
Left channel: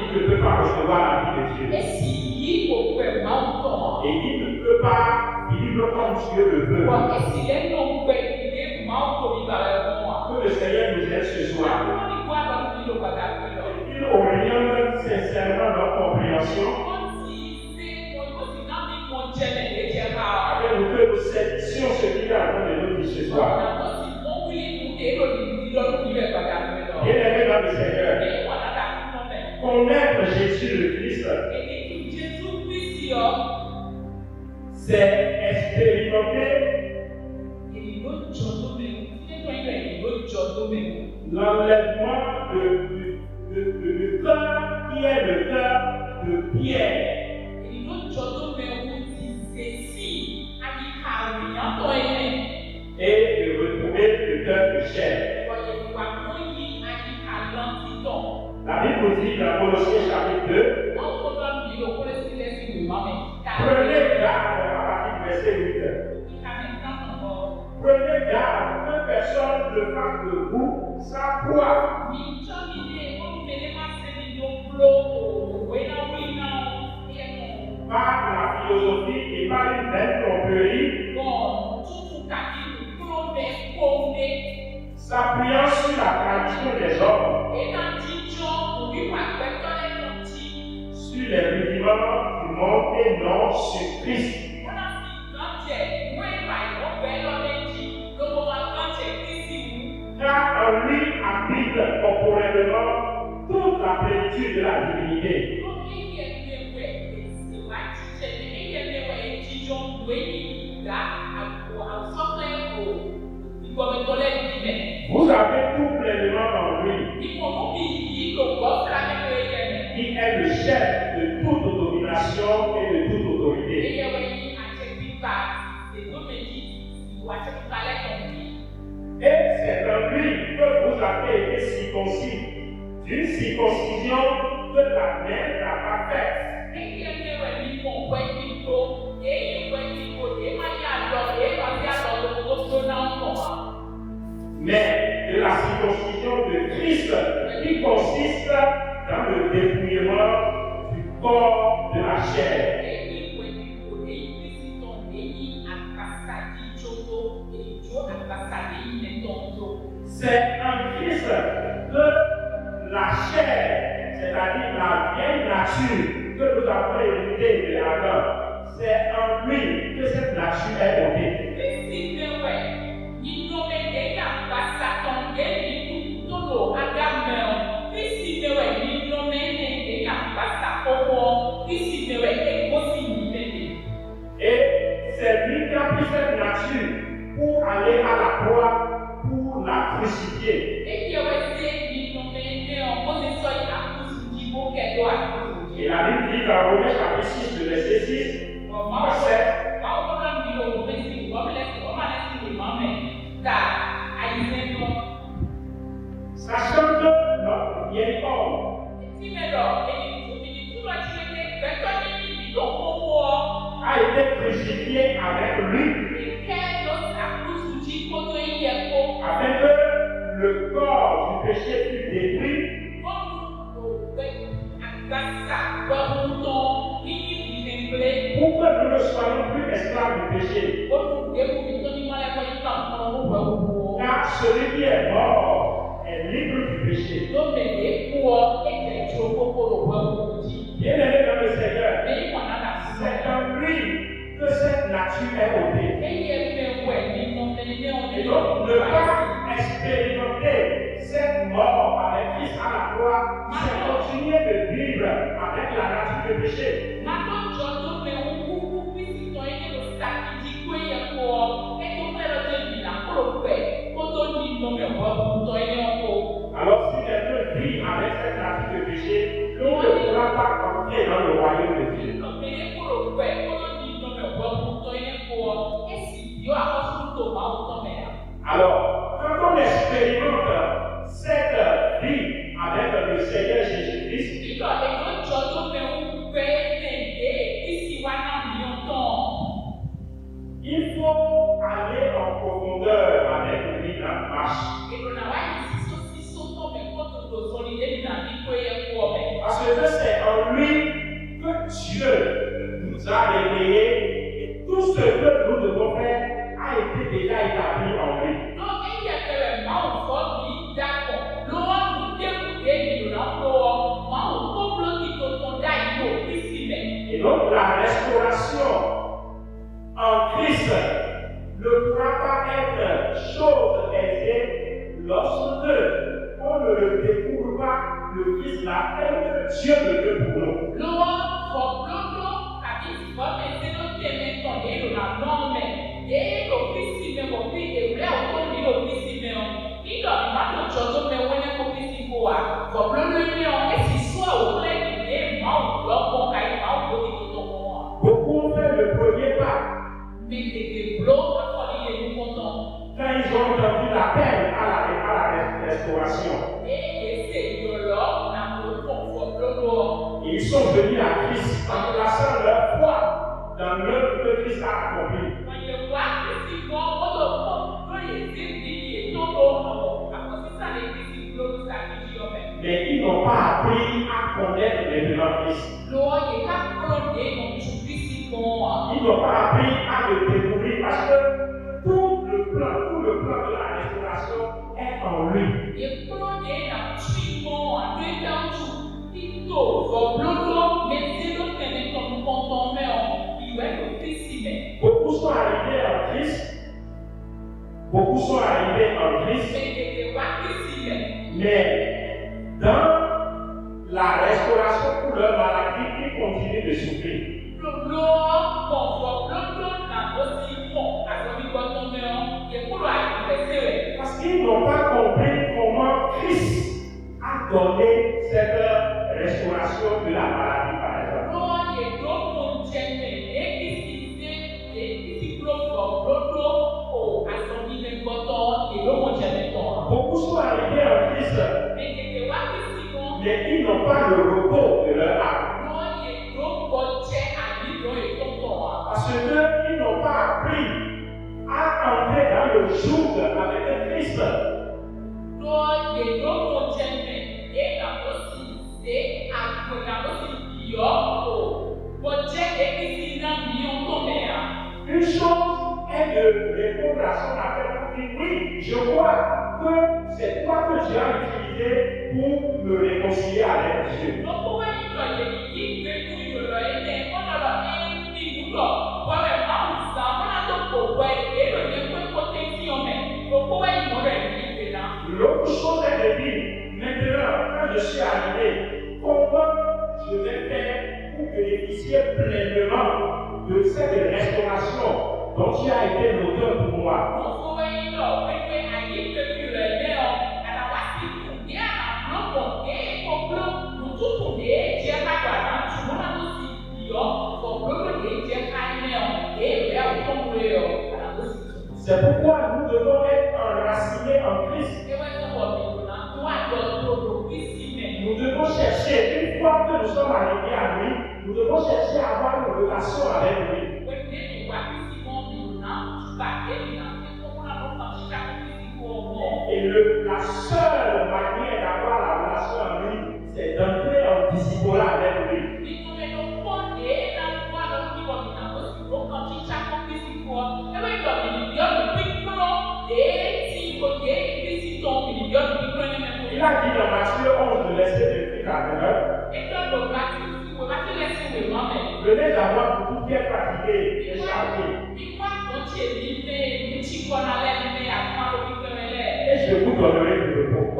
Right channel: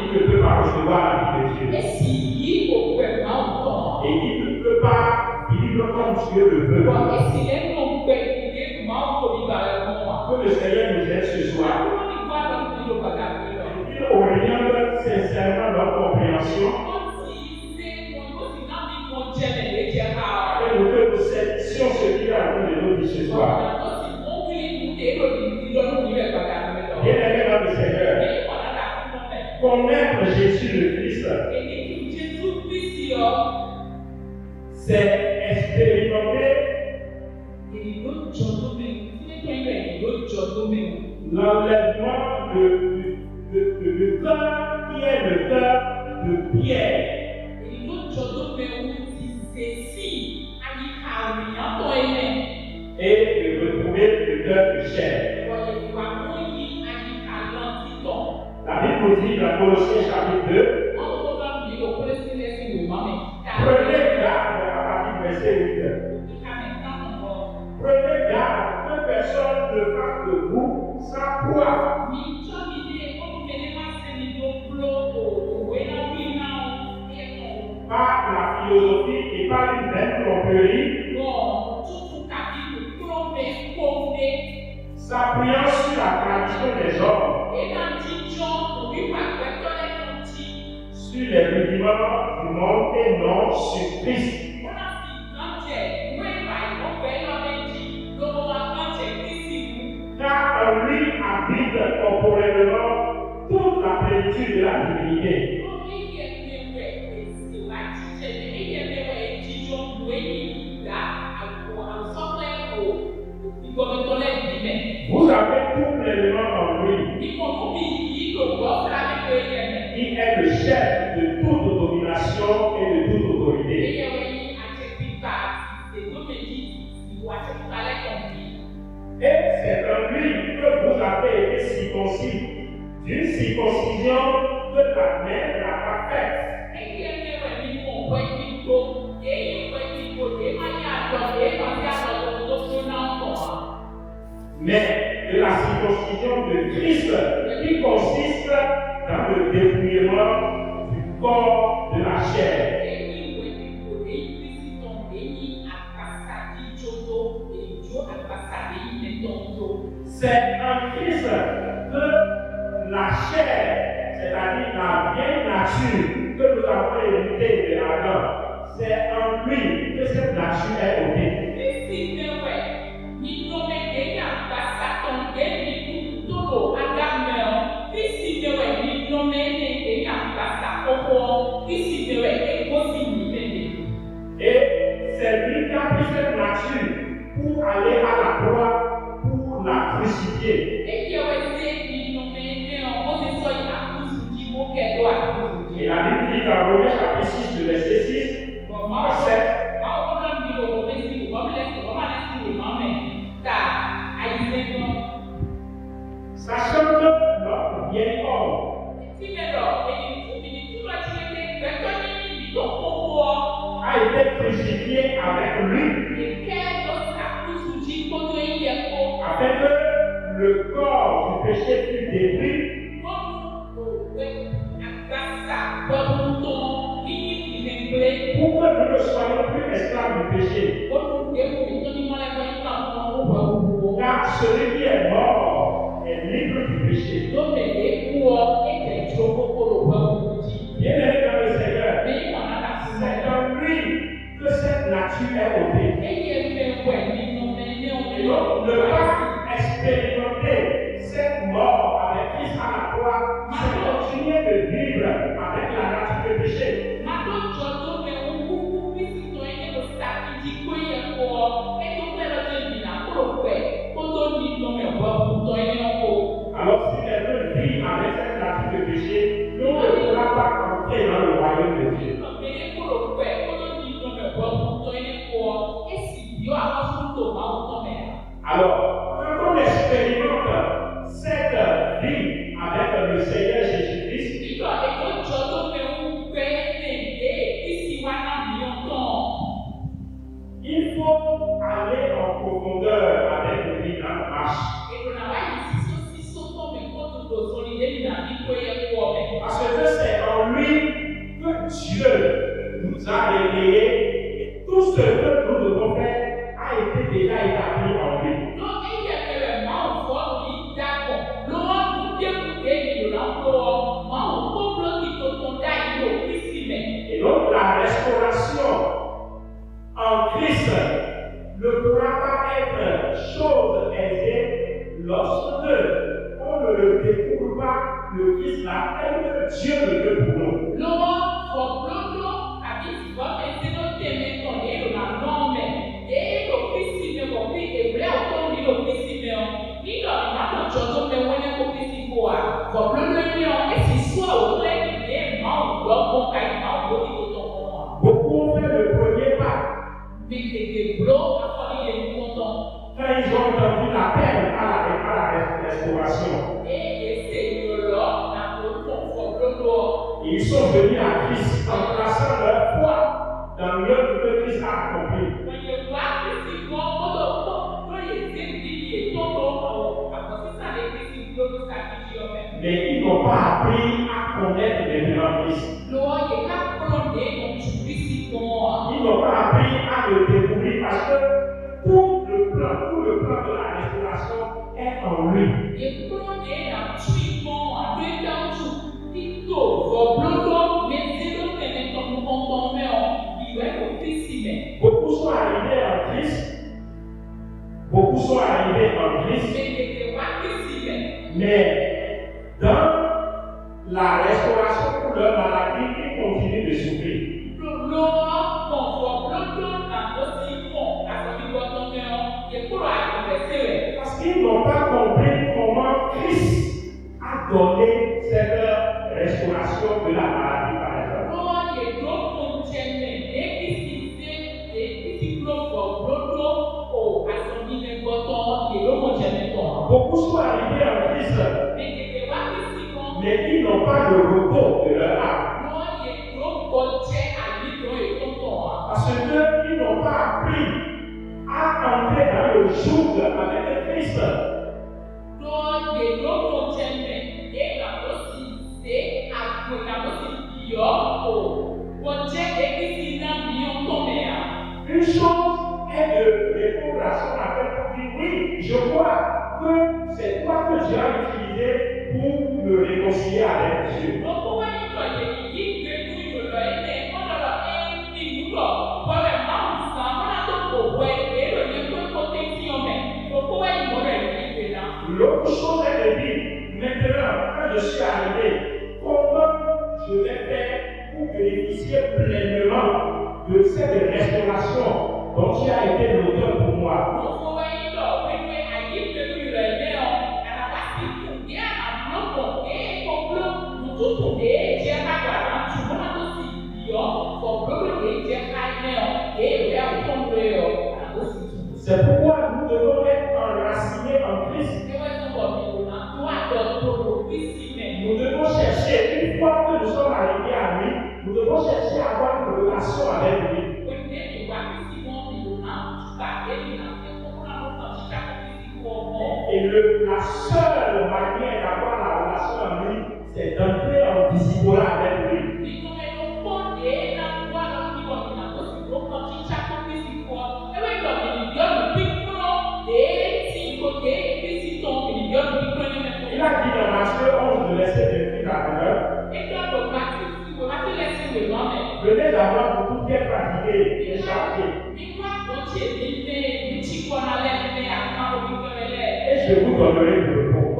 il ne peut pas recevoir la vie de Dieu. Et il ne peut pas vivre comme Dieu le veut. Que le Seigneur nous aide ce soir. Et qu'il oriente sincèrement notre compréhension. Et nous que nous saisissions ce qu'il a en train de nous dire ce soir. Bien-aimés dans le Seigneur, connaître Jésus le Christ, c'est expérimenter l'enlèvement de cœur qui est le cœur de pierre. Et de retrouver le cœur de chair. La Bible nous dit dans Colossiens chapitre 2, prenez garde à partir du verset 8. Prenez garde que personne ne fasse de vous sa proie. Par la philosophie et par une vaine tromperie, s'appuyant sur la tradition des hommes, sur les rudiments du monde et non sur Christ. Car en lui habite corporellement toute la plénitude de la divinité. Vous avez tout pleinement en lui, qui est le chef de toute domination et de toute autorité. Et c'est en lui que vous avez été circoncis, d'une circoncision que la mère n'a pas faite. Mais de la circoncision de Christ qui consiste dans le dépouillement du corps de la chair. C'est en Christ que la chair, c'est-à-dire la vieille nature que nous avons héritée de Adam, c'est en lui que cette nature est ôtée. Et c'est lui qui a pris cette nature pour aller à la croix, pour la crucifier. Et la Bible dit dans Romains chapitre 6, le verset 6 à 7. Sachant que notre vieil homme a été crucifié avec lui, afin que le corps du péché fût détruit, pour que nous ne soyons plus esclaves du péché. Car celui qui est mort est libre du péché. Bien-aimé dans le Seigneur, c'est en lui que cette nature est ôtée. Et donc, ne pas expérimenter cette mort avec Christ à la croix, c'est continuer de vivre avec la nature de péché. Alors, si quelqu'un vit avec cette nature de péché, il ne pourra pas entrer dans le royaume de Dieu. Alors, quand on expérimente cette vie avec le Seigneur Jésus-Christ, il faut aller en profondeur avec lui dans la marche. Parce que c'est en lui que Dieu nous a réveillés et tout ce que nous devons faire a été déjà établi en lui. Et donc la restauration en Christ ne pourra pas être chose aisée lorsque on ne le découvre pas, le Christ là, tel que Dieu le veut pour nous. Beaucoup ont fait le premier pas. Quand ils ont entendu l'appel à la restauration, ils sont venus à Christ en plaçant leur foi dans l'œuvre que Christ a accomplie. Mais ils n'ont pas appris à connaître les vivants Christ. Ils n'ont pas appris à le découvrir parce que tout le plan de la restauration est en lui. Beaucoup sont arrivés en Christ, mais dans la restauration pour leur maladie, ils continuent de souffrir. Parce qu'ils n'ont pas compris comment Christ a donné cette restauration de la maladie, par exemple. Beaucoup sont arrivés en Christ, mais ils n'ont pas le repos de leur âme. Parce qu'ils n'ont pas appris à entrer dans le joug avec Christ. Une chose est de répondre à son appel pour dire oui, je crois que c'est toi que Dieu a utilisé pour me réconcilier avec Dieu. L'autre chose est de dire, maintenant, quand je suis arrivé, comment je vais faire pour bénéficier pleinement de cette restauration dont tu as été l'auteur pour moi. C'est pourquoi nous devons être enracinés en Christ. Nous devons chercher, une fois que nous sommes arrivés à lui, nous devons chercher à avoir une relation avec lui. Et la seule manière d'avoir la relation avec lui, c'est d'entrer en disciple avec lui. Il a dit dans Matthieu 11, verset 28 à 29, venez d'abord pour tout bien fatigué et chargé, et je vous donnerai le repos.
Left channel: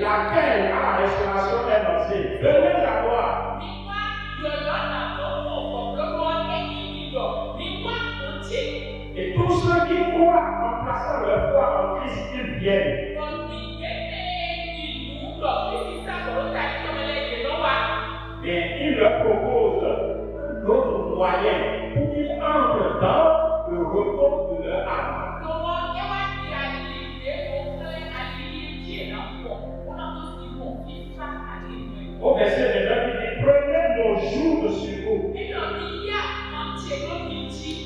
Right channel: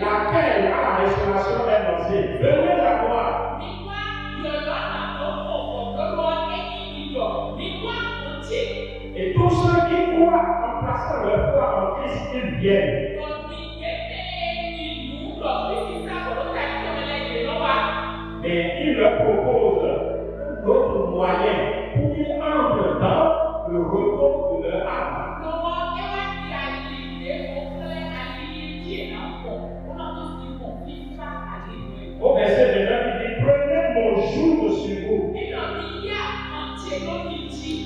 Laquelle à la restauration est lancée. Venez d'abord. Et tous ceux qui croient en plaçant leur foi en Christ, ils viennent. Mais il leur propose un autre moyen pour qu'ils entrent dans le repos de leur âme.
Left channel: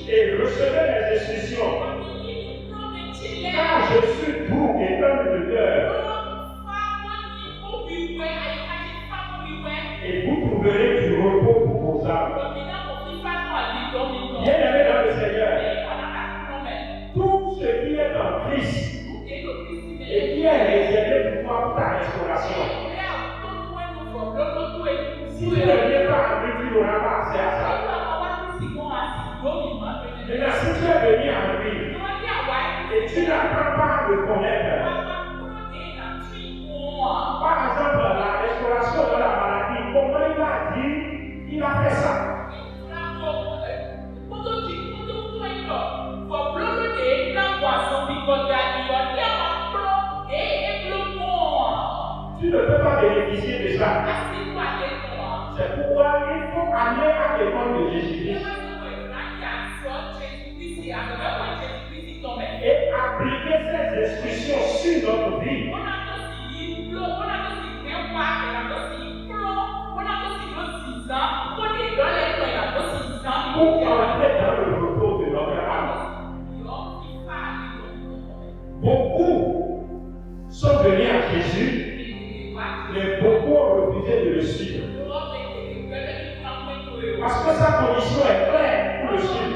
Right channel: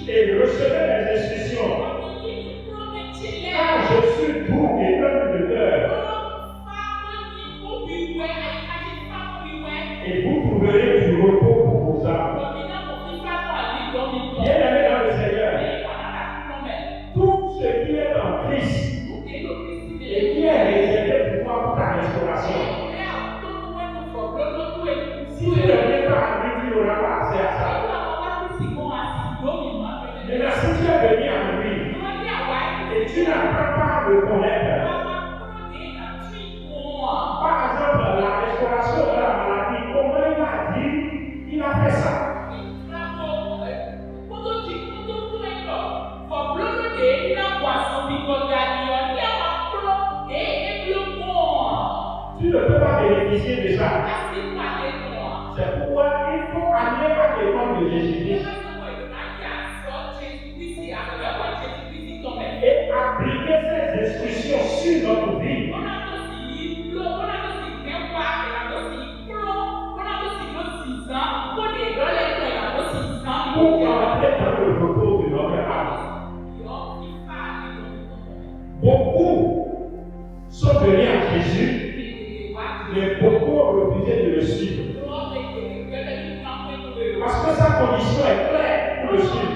et recevez mes instructions. Car je suis doux et humble de cœur. Et vous trouverez du repos pour vos âmes. Bien-aimés dans le Seigneur, tout ce qui est en Christ et qui est réservé pour toi pour ta restauration, si tu ne viens pas à lui, tu n'auras pas accès à ça. Maintenant, si tu es venu à lui et tu n'apprends pas à le connaître, par exemple, la restauration de la maladie, comment il a dit, il a fait ça. Tu ne peux pas bénéficier de ça. C'est pourquoi il faut aller à l'école de Jésus-Christ et appliquer ces instructions sur notre vie. Pour entrer dans le repos de notre âme. Beaucoup sont venus à Jésus, mais beaucoup ont refusé de le suivre. Parce que sa condition est claire pour le suivre.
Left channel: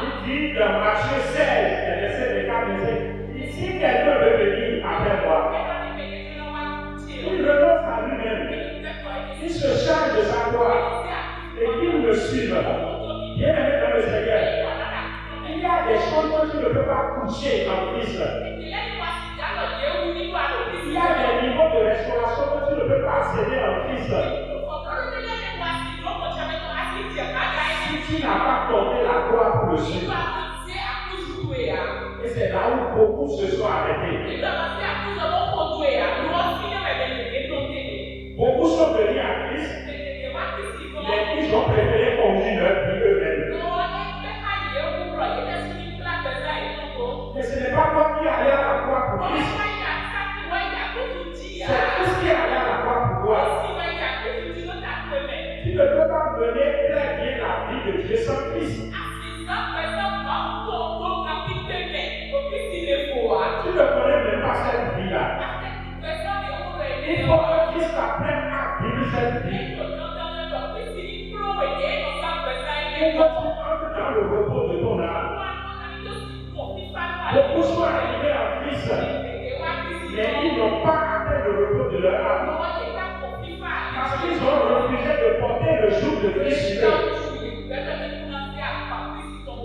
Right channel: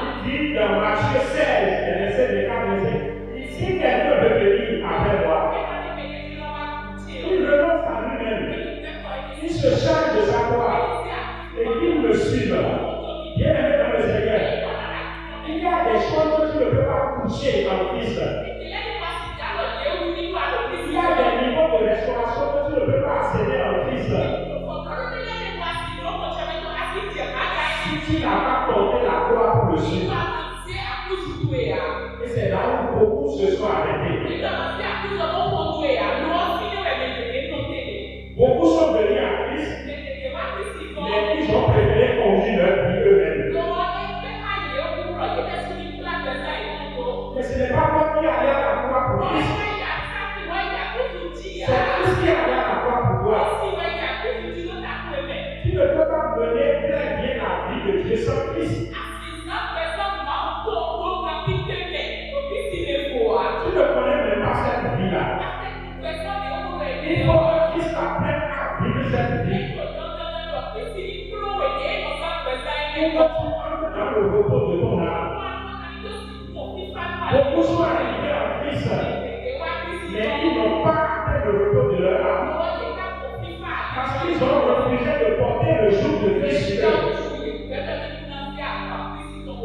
Il dit dans Matthieu 16, verset 4, si quelqu'un veut venir après moi, il renonce à lui-même. Il se charge de sa croix et qu'il me suive. Bien-aimé dans le Seigneur, il y a des choses que tu ne peux pas toucher en Christ. Il y a des niveaux de restauration que tu ne peux pas accéder en Christ. Si tu n'as pas porté la croix pour le suivre. Et c'est là où beaucoup se sont arrêtés. Beaucoup sont venus à Christ, mais ils ont préféré conduire leur vie eux-mêmes. Mais ce n'est pas toi qui allais à la croix pour Christ. C'est Christ qui allait à la croix pour toi. Tu ne peux pas mener très bien la vie de Dieu sans Christ. Tu ne connais même pas cette vie-là. Il faut que Christ apprenne à vivre cette vie. Pour que tu entres dans le repos de ton âme. Beaucoup sont arrivés en Christ, mais ils n'ont pas atteint le repos de leur âme. Parce qu'ils ont refusé de porter le joug de Christ sur eux.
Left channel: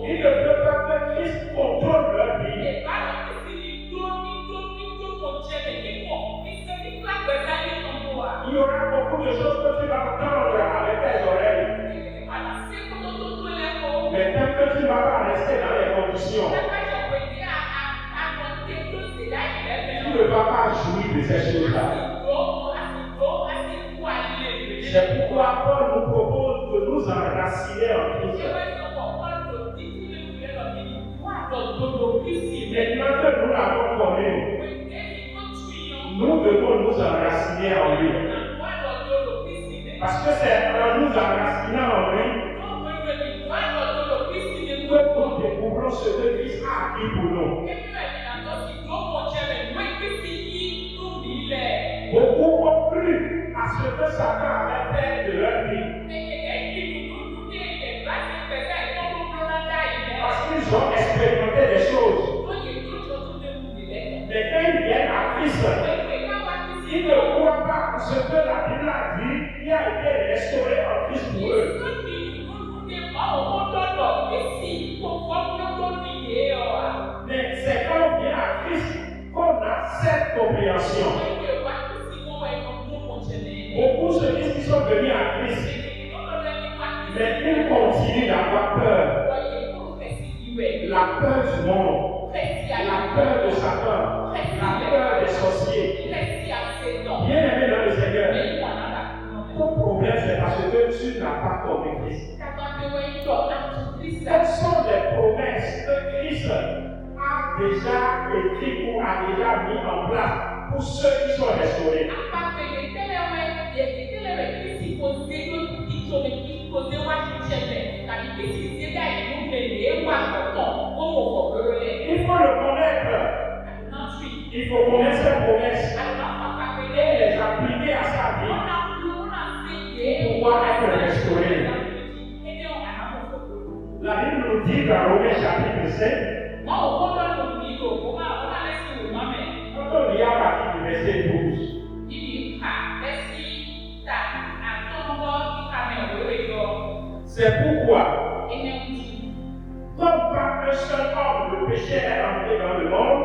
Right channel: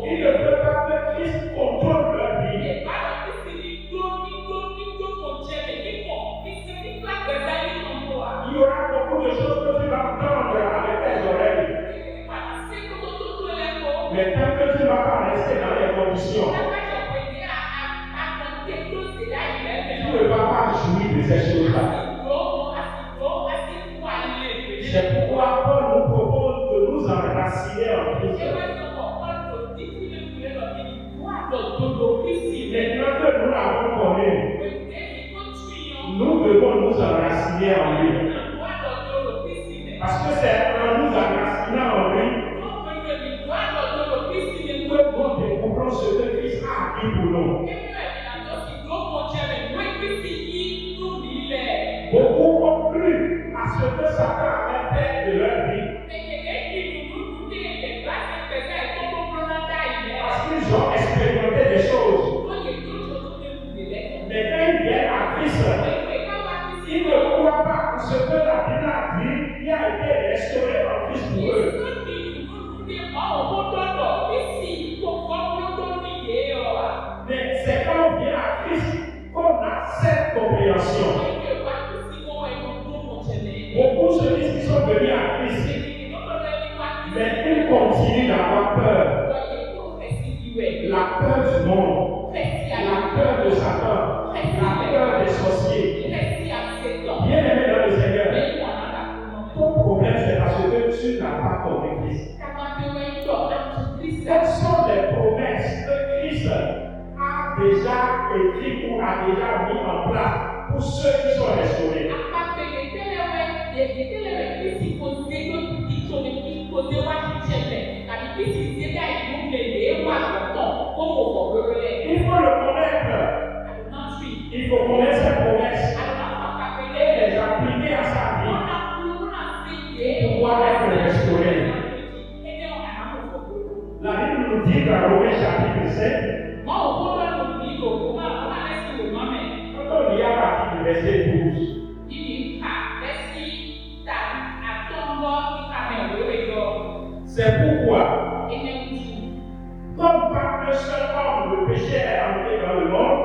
Ils ne peuvent pas que Christ contrôle leur vie. Il y aura beaucoup de choses que tu vas entendre avec tes oreilles. Mais tant que tu ne vas pas rester dans les conditions, tu ne vas pas jouir de ces choses-là. C'est pourquoi Paul nous propose de nous enraciner en Christ. Maintenant que nous l'avons connu, nous devons nous enraciner en lui. Parce que c'est en nous enracinant en lui que nous découvrons ce que Christ a acquis pour nous. Beaucoup ont cru à ce que Satan avait fait de leur vie. Parce qu'ils ont expérimenté des choses. Mais quand ils viennent à Christ, ils ne croient pas à ce que la Bible a dit, qui a été restauré en Christ pour eux. Mais c'est quand on vient à Christ qu'on a cette compréhension. Beaucoup se disent qu'ils sont venus à Christ, mais ils continuent d'avoir peur. La peur du monde, la peur de Satan, la peur des sorciers. Bien-aimé dans le Seigneur, ton problème c'est parce que tu n'as pas compris Christ. Quelles sont les promesses que Christ a déjà écrites ou a déjà mis en place pour ceux qui sont restaurés? Il faut le connaître. Il faut connaître ses promesses et les appliquer à sa vie pour pouvoir être restauré. La Bible nous dit dans Romains chapitre 7, quand on lit à partir du verset 12, c'est pourquoi, comme par un seul homme le péché est entré dans le monde,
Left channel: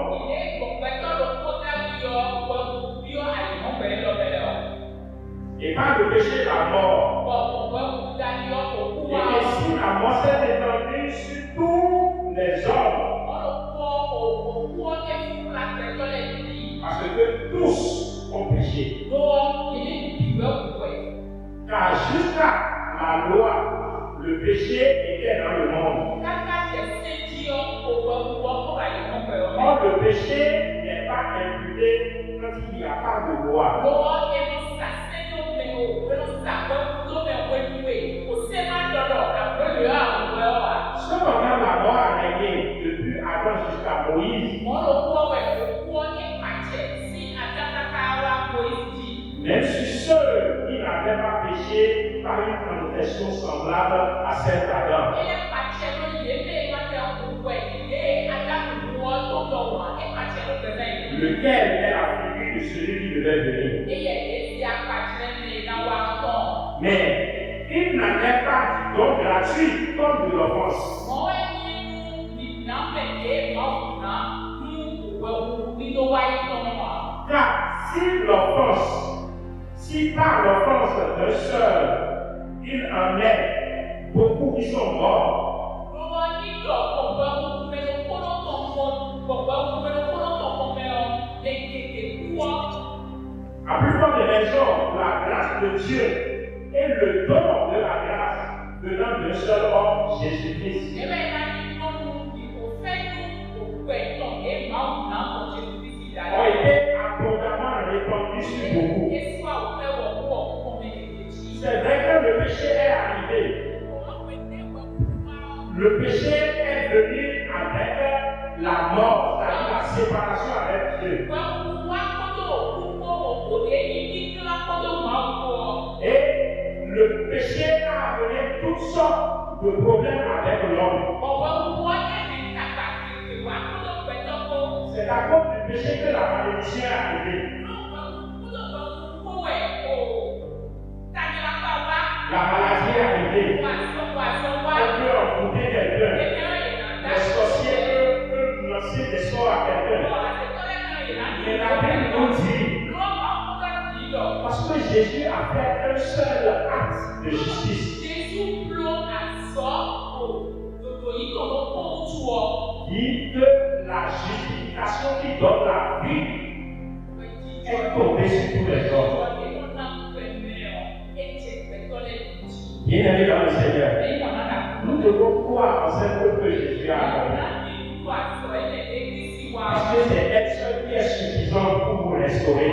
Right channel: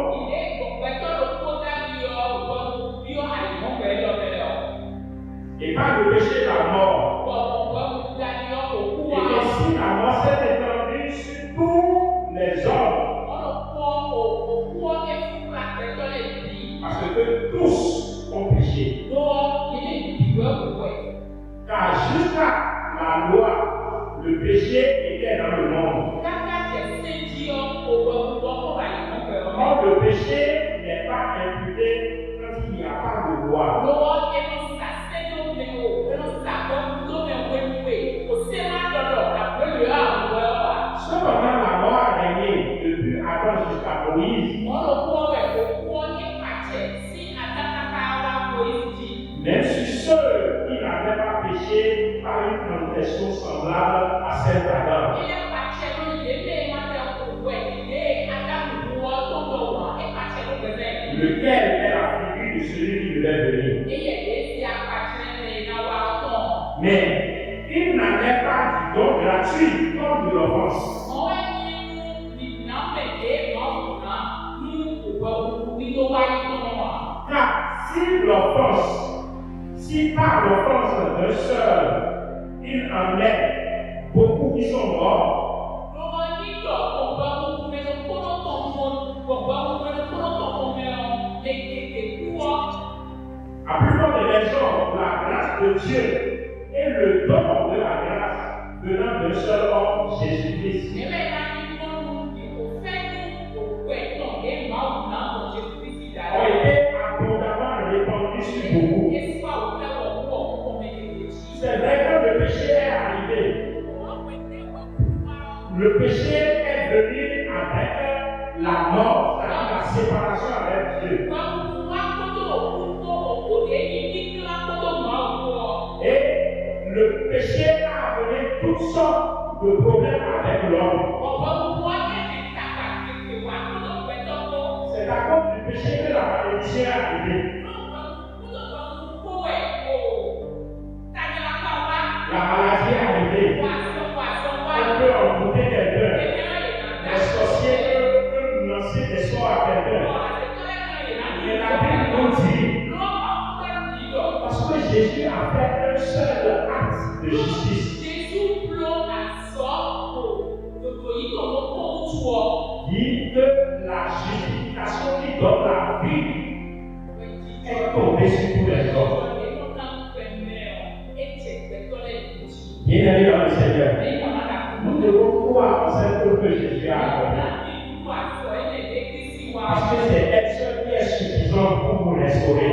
et par le péché la mort, et ainsi la mort s'est étendue sur tous les hommes, parce que tous ont péché. Car jusqu'à la loi, le péché était dans le monde. Or, le péché n'est pas imputé quand il n'y a pas de loi. Cependant, la loi a régné depuis Adam jusqu'à Moïse. Même si ceux qui n'avaient pas péché par une transgression semblable à celle d'Adam. Lequel est la figure de celui qui devait venir. Mais il n'en est pas du don gratuit comme de l'offense. Car si par l'offense d'un seul, il en est beaucoup qui sont morts, à plus forte raison, la grâce de Dieu et le don de la grâce venant d'un seul homme, Jésus-Christ, ont été abondamment répandus sur beaucoup. C'est vrai que le péché est arrivé. Le péché est venu avec la mort, c'est-à-dire la séparation avec Dieu. Et le péché a amené toutes sortes de problèmes avec l'homme. C'est à cause du péché que la malédiction est arrivée. La maladie est arrivée. On peut envoûter quelqu'un. Les sorciers peuvent lancer des sorts à quelqu'un. Mais la Bible nous dit, parce que Jésus a fait un seul acte de justice. Dit que la justification qui donne la vie est tombée sur tous les hommes. Bien-aimés dans le Seigneur, nous devons croire en cette œuvre que Jésus a accomplie. Parce que c'est elle seule qui est suffisante pour vous restaurer.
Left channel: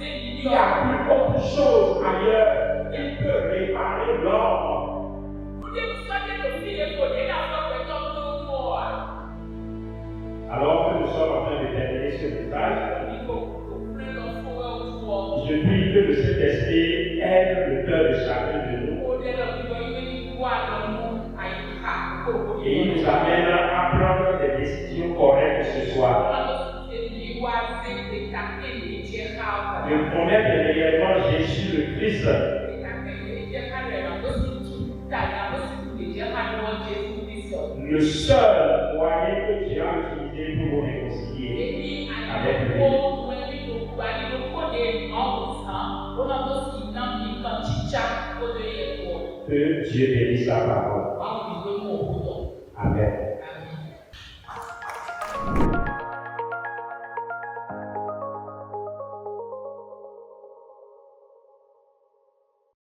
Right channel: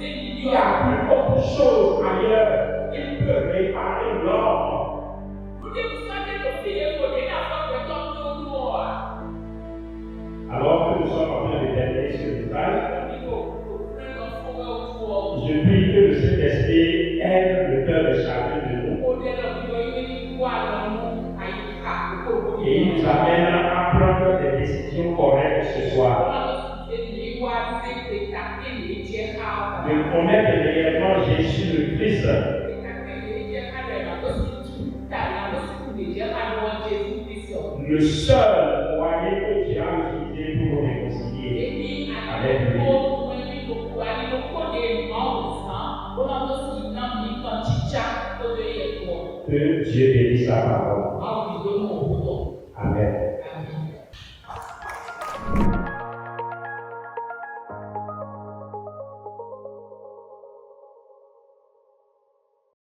Il n'y a plus autre chose ailleurs qui peut réparer l'homme. Alors que nous sommes en train de terminer ce message, je prie que le Saint-Esprit aide le cœur de chacun de nous. Et il nous amène à prendre des décisions correctes ce soir. De connaître réellement Jésus le Christ. Le seul moyen que Dieu a utilisé pour nous réconcilier avec lui. Que Dieu bénisse sa parole.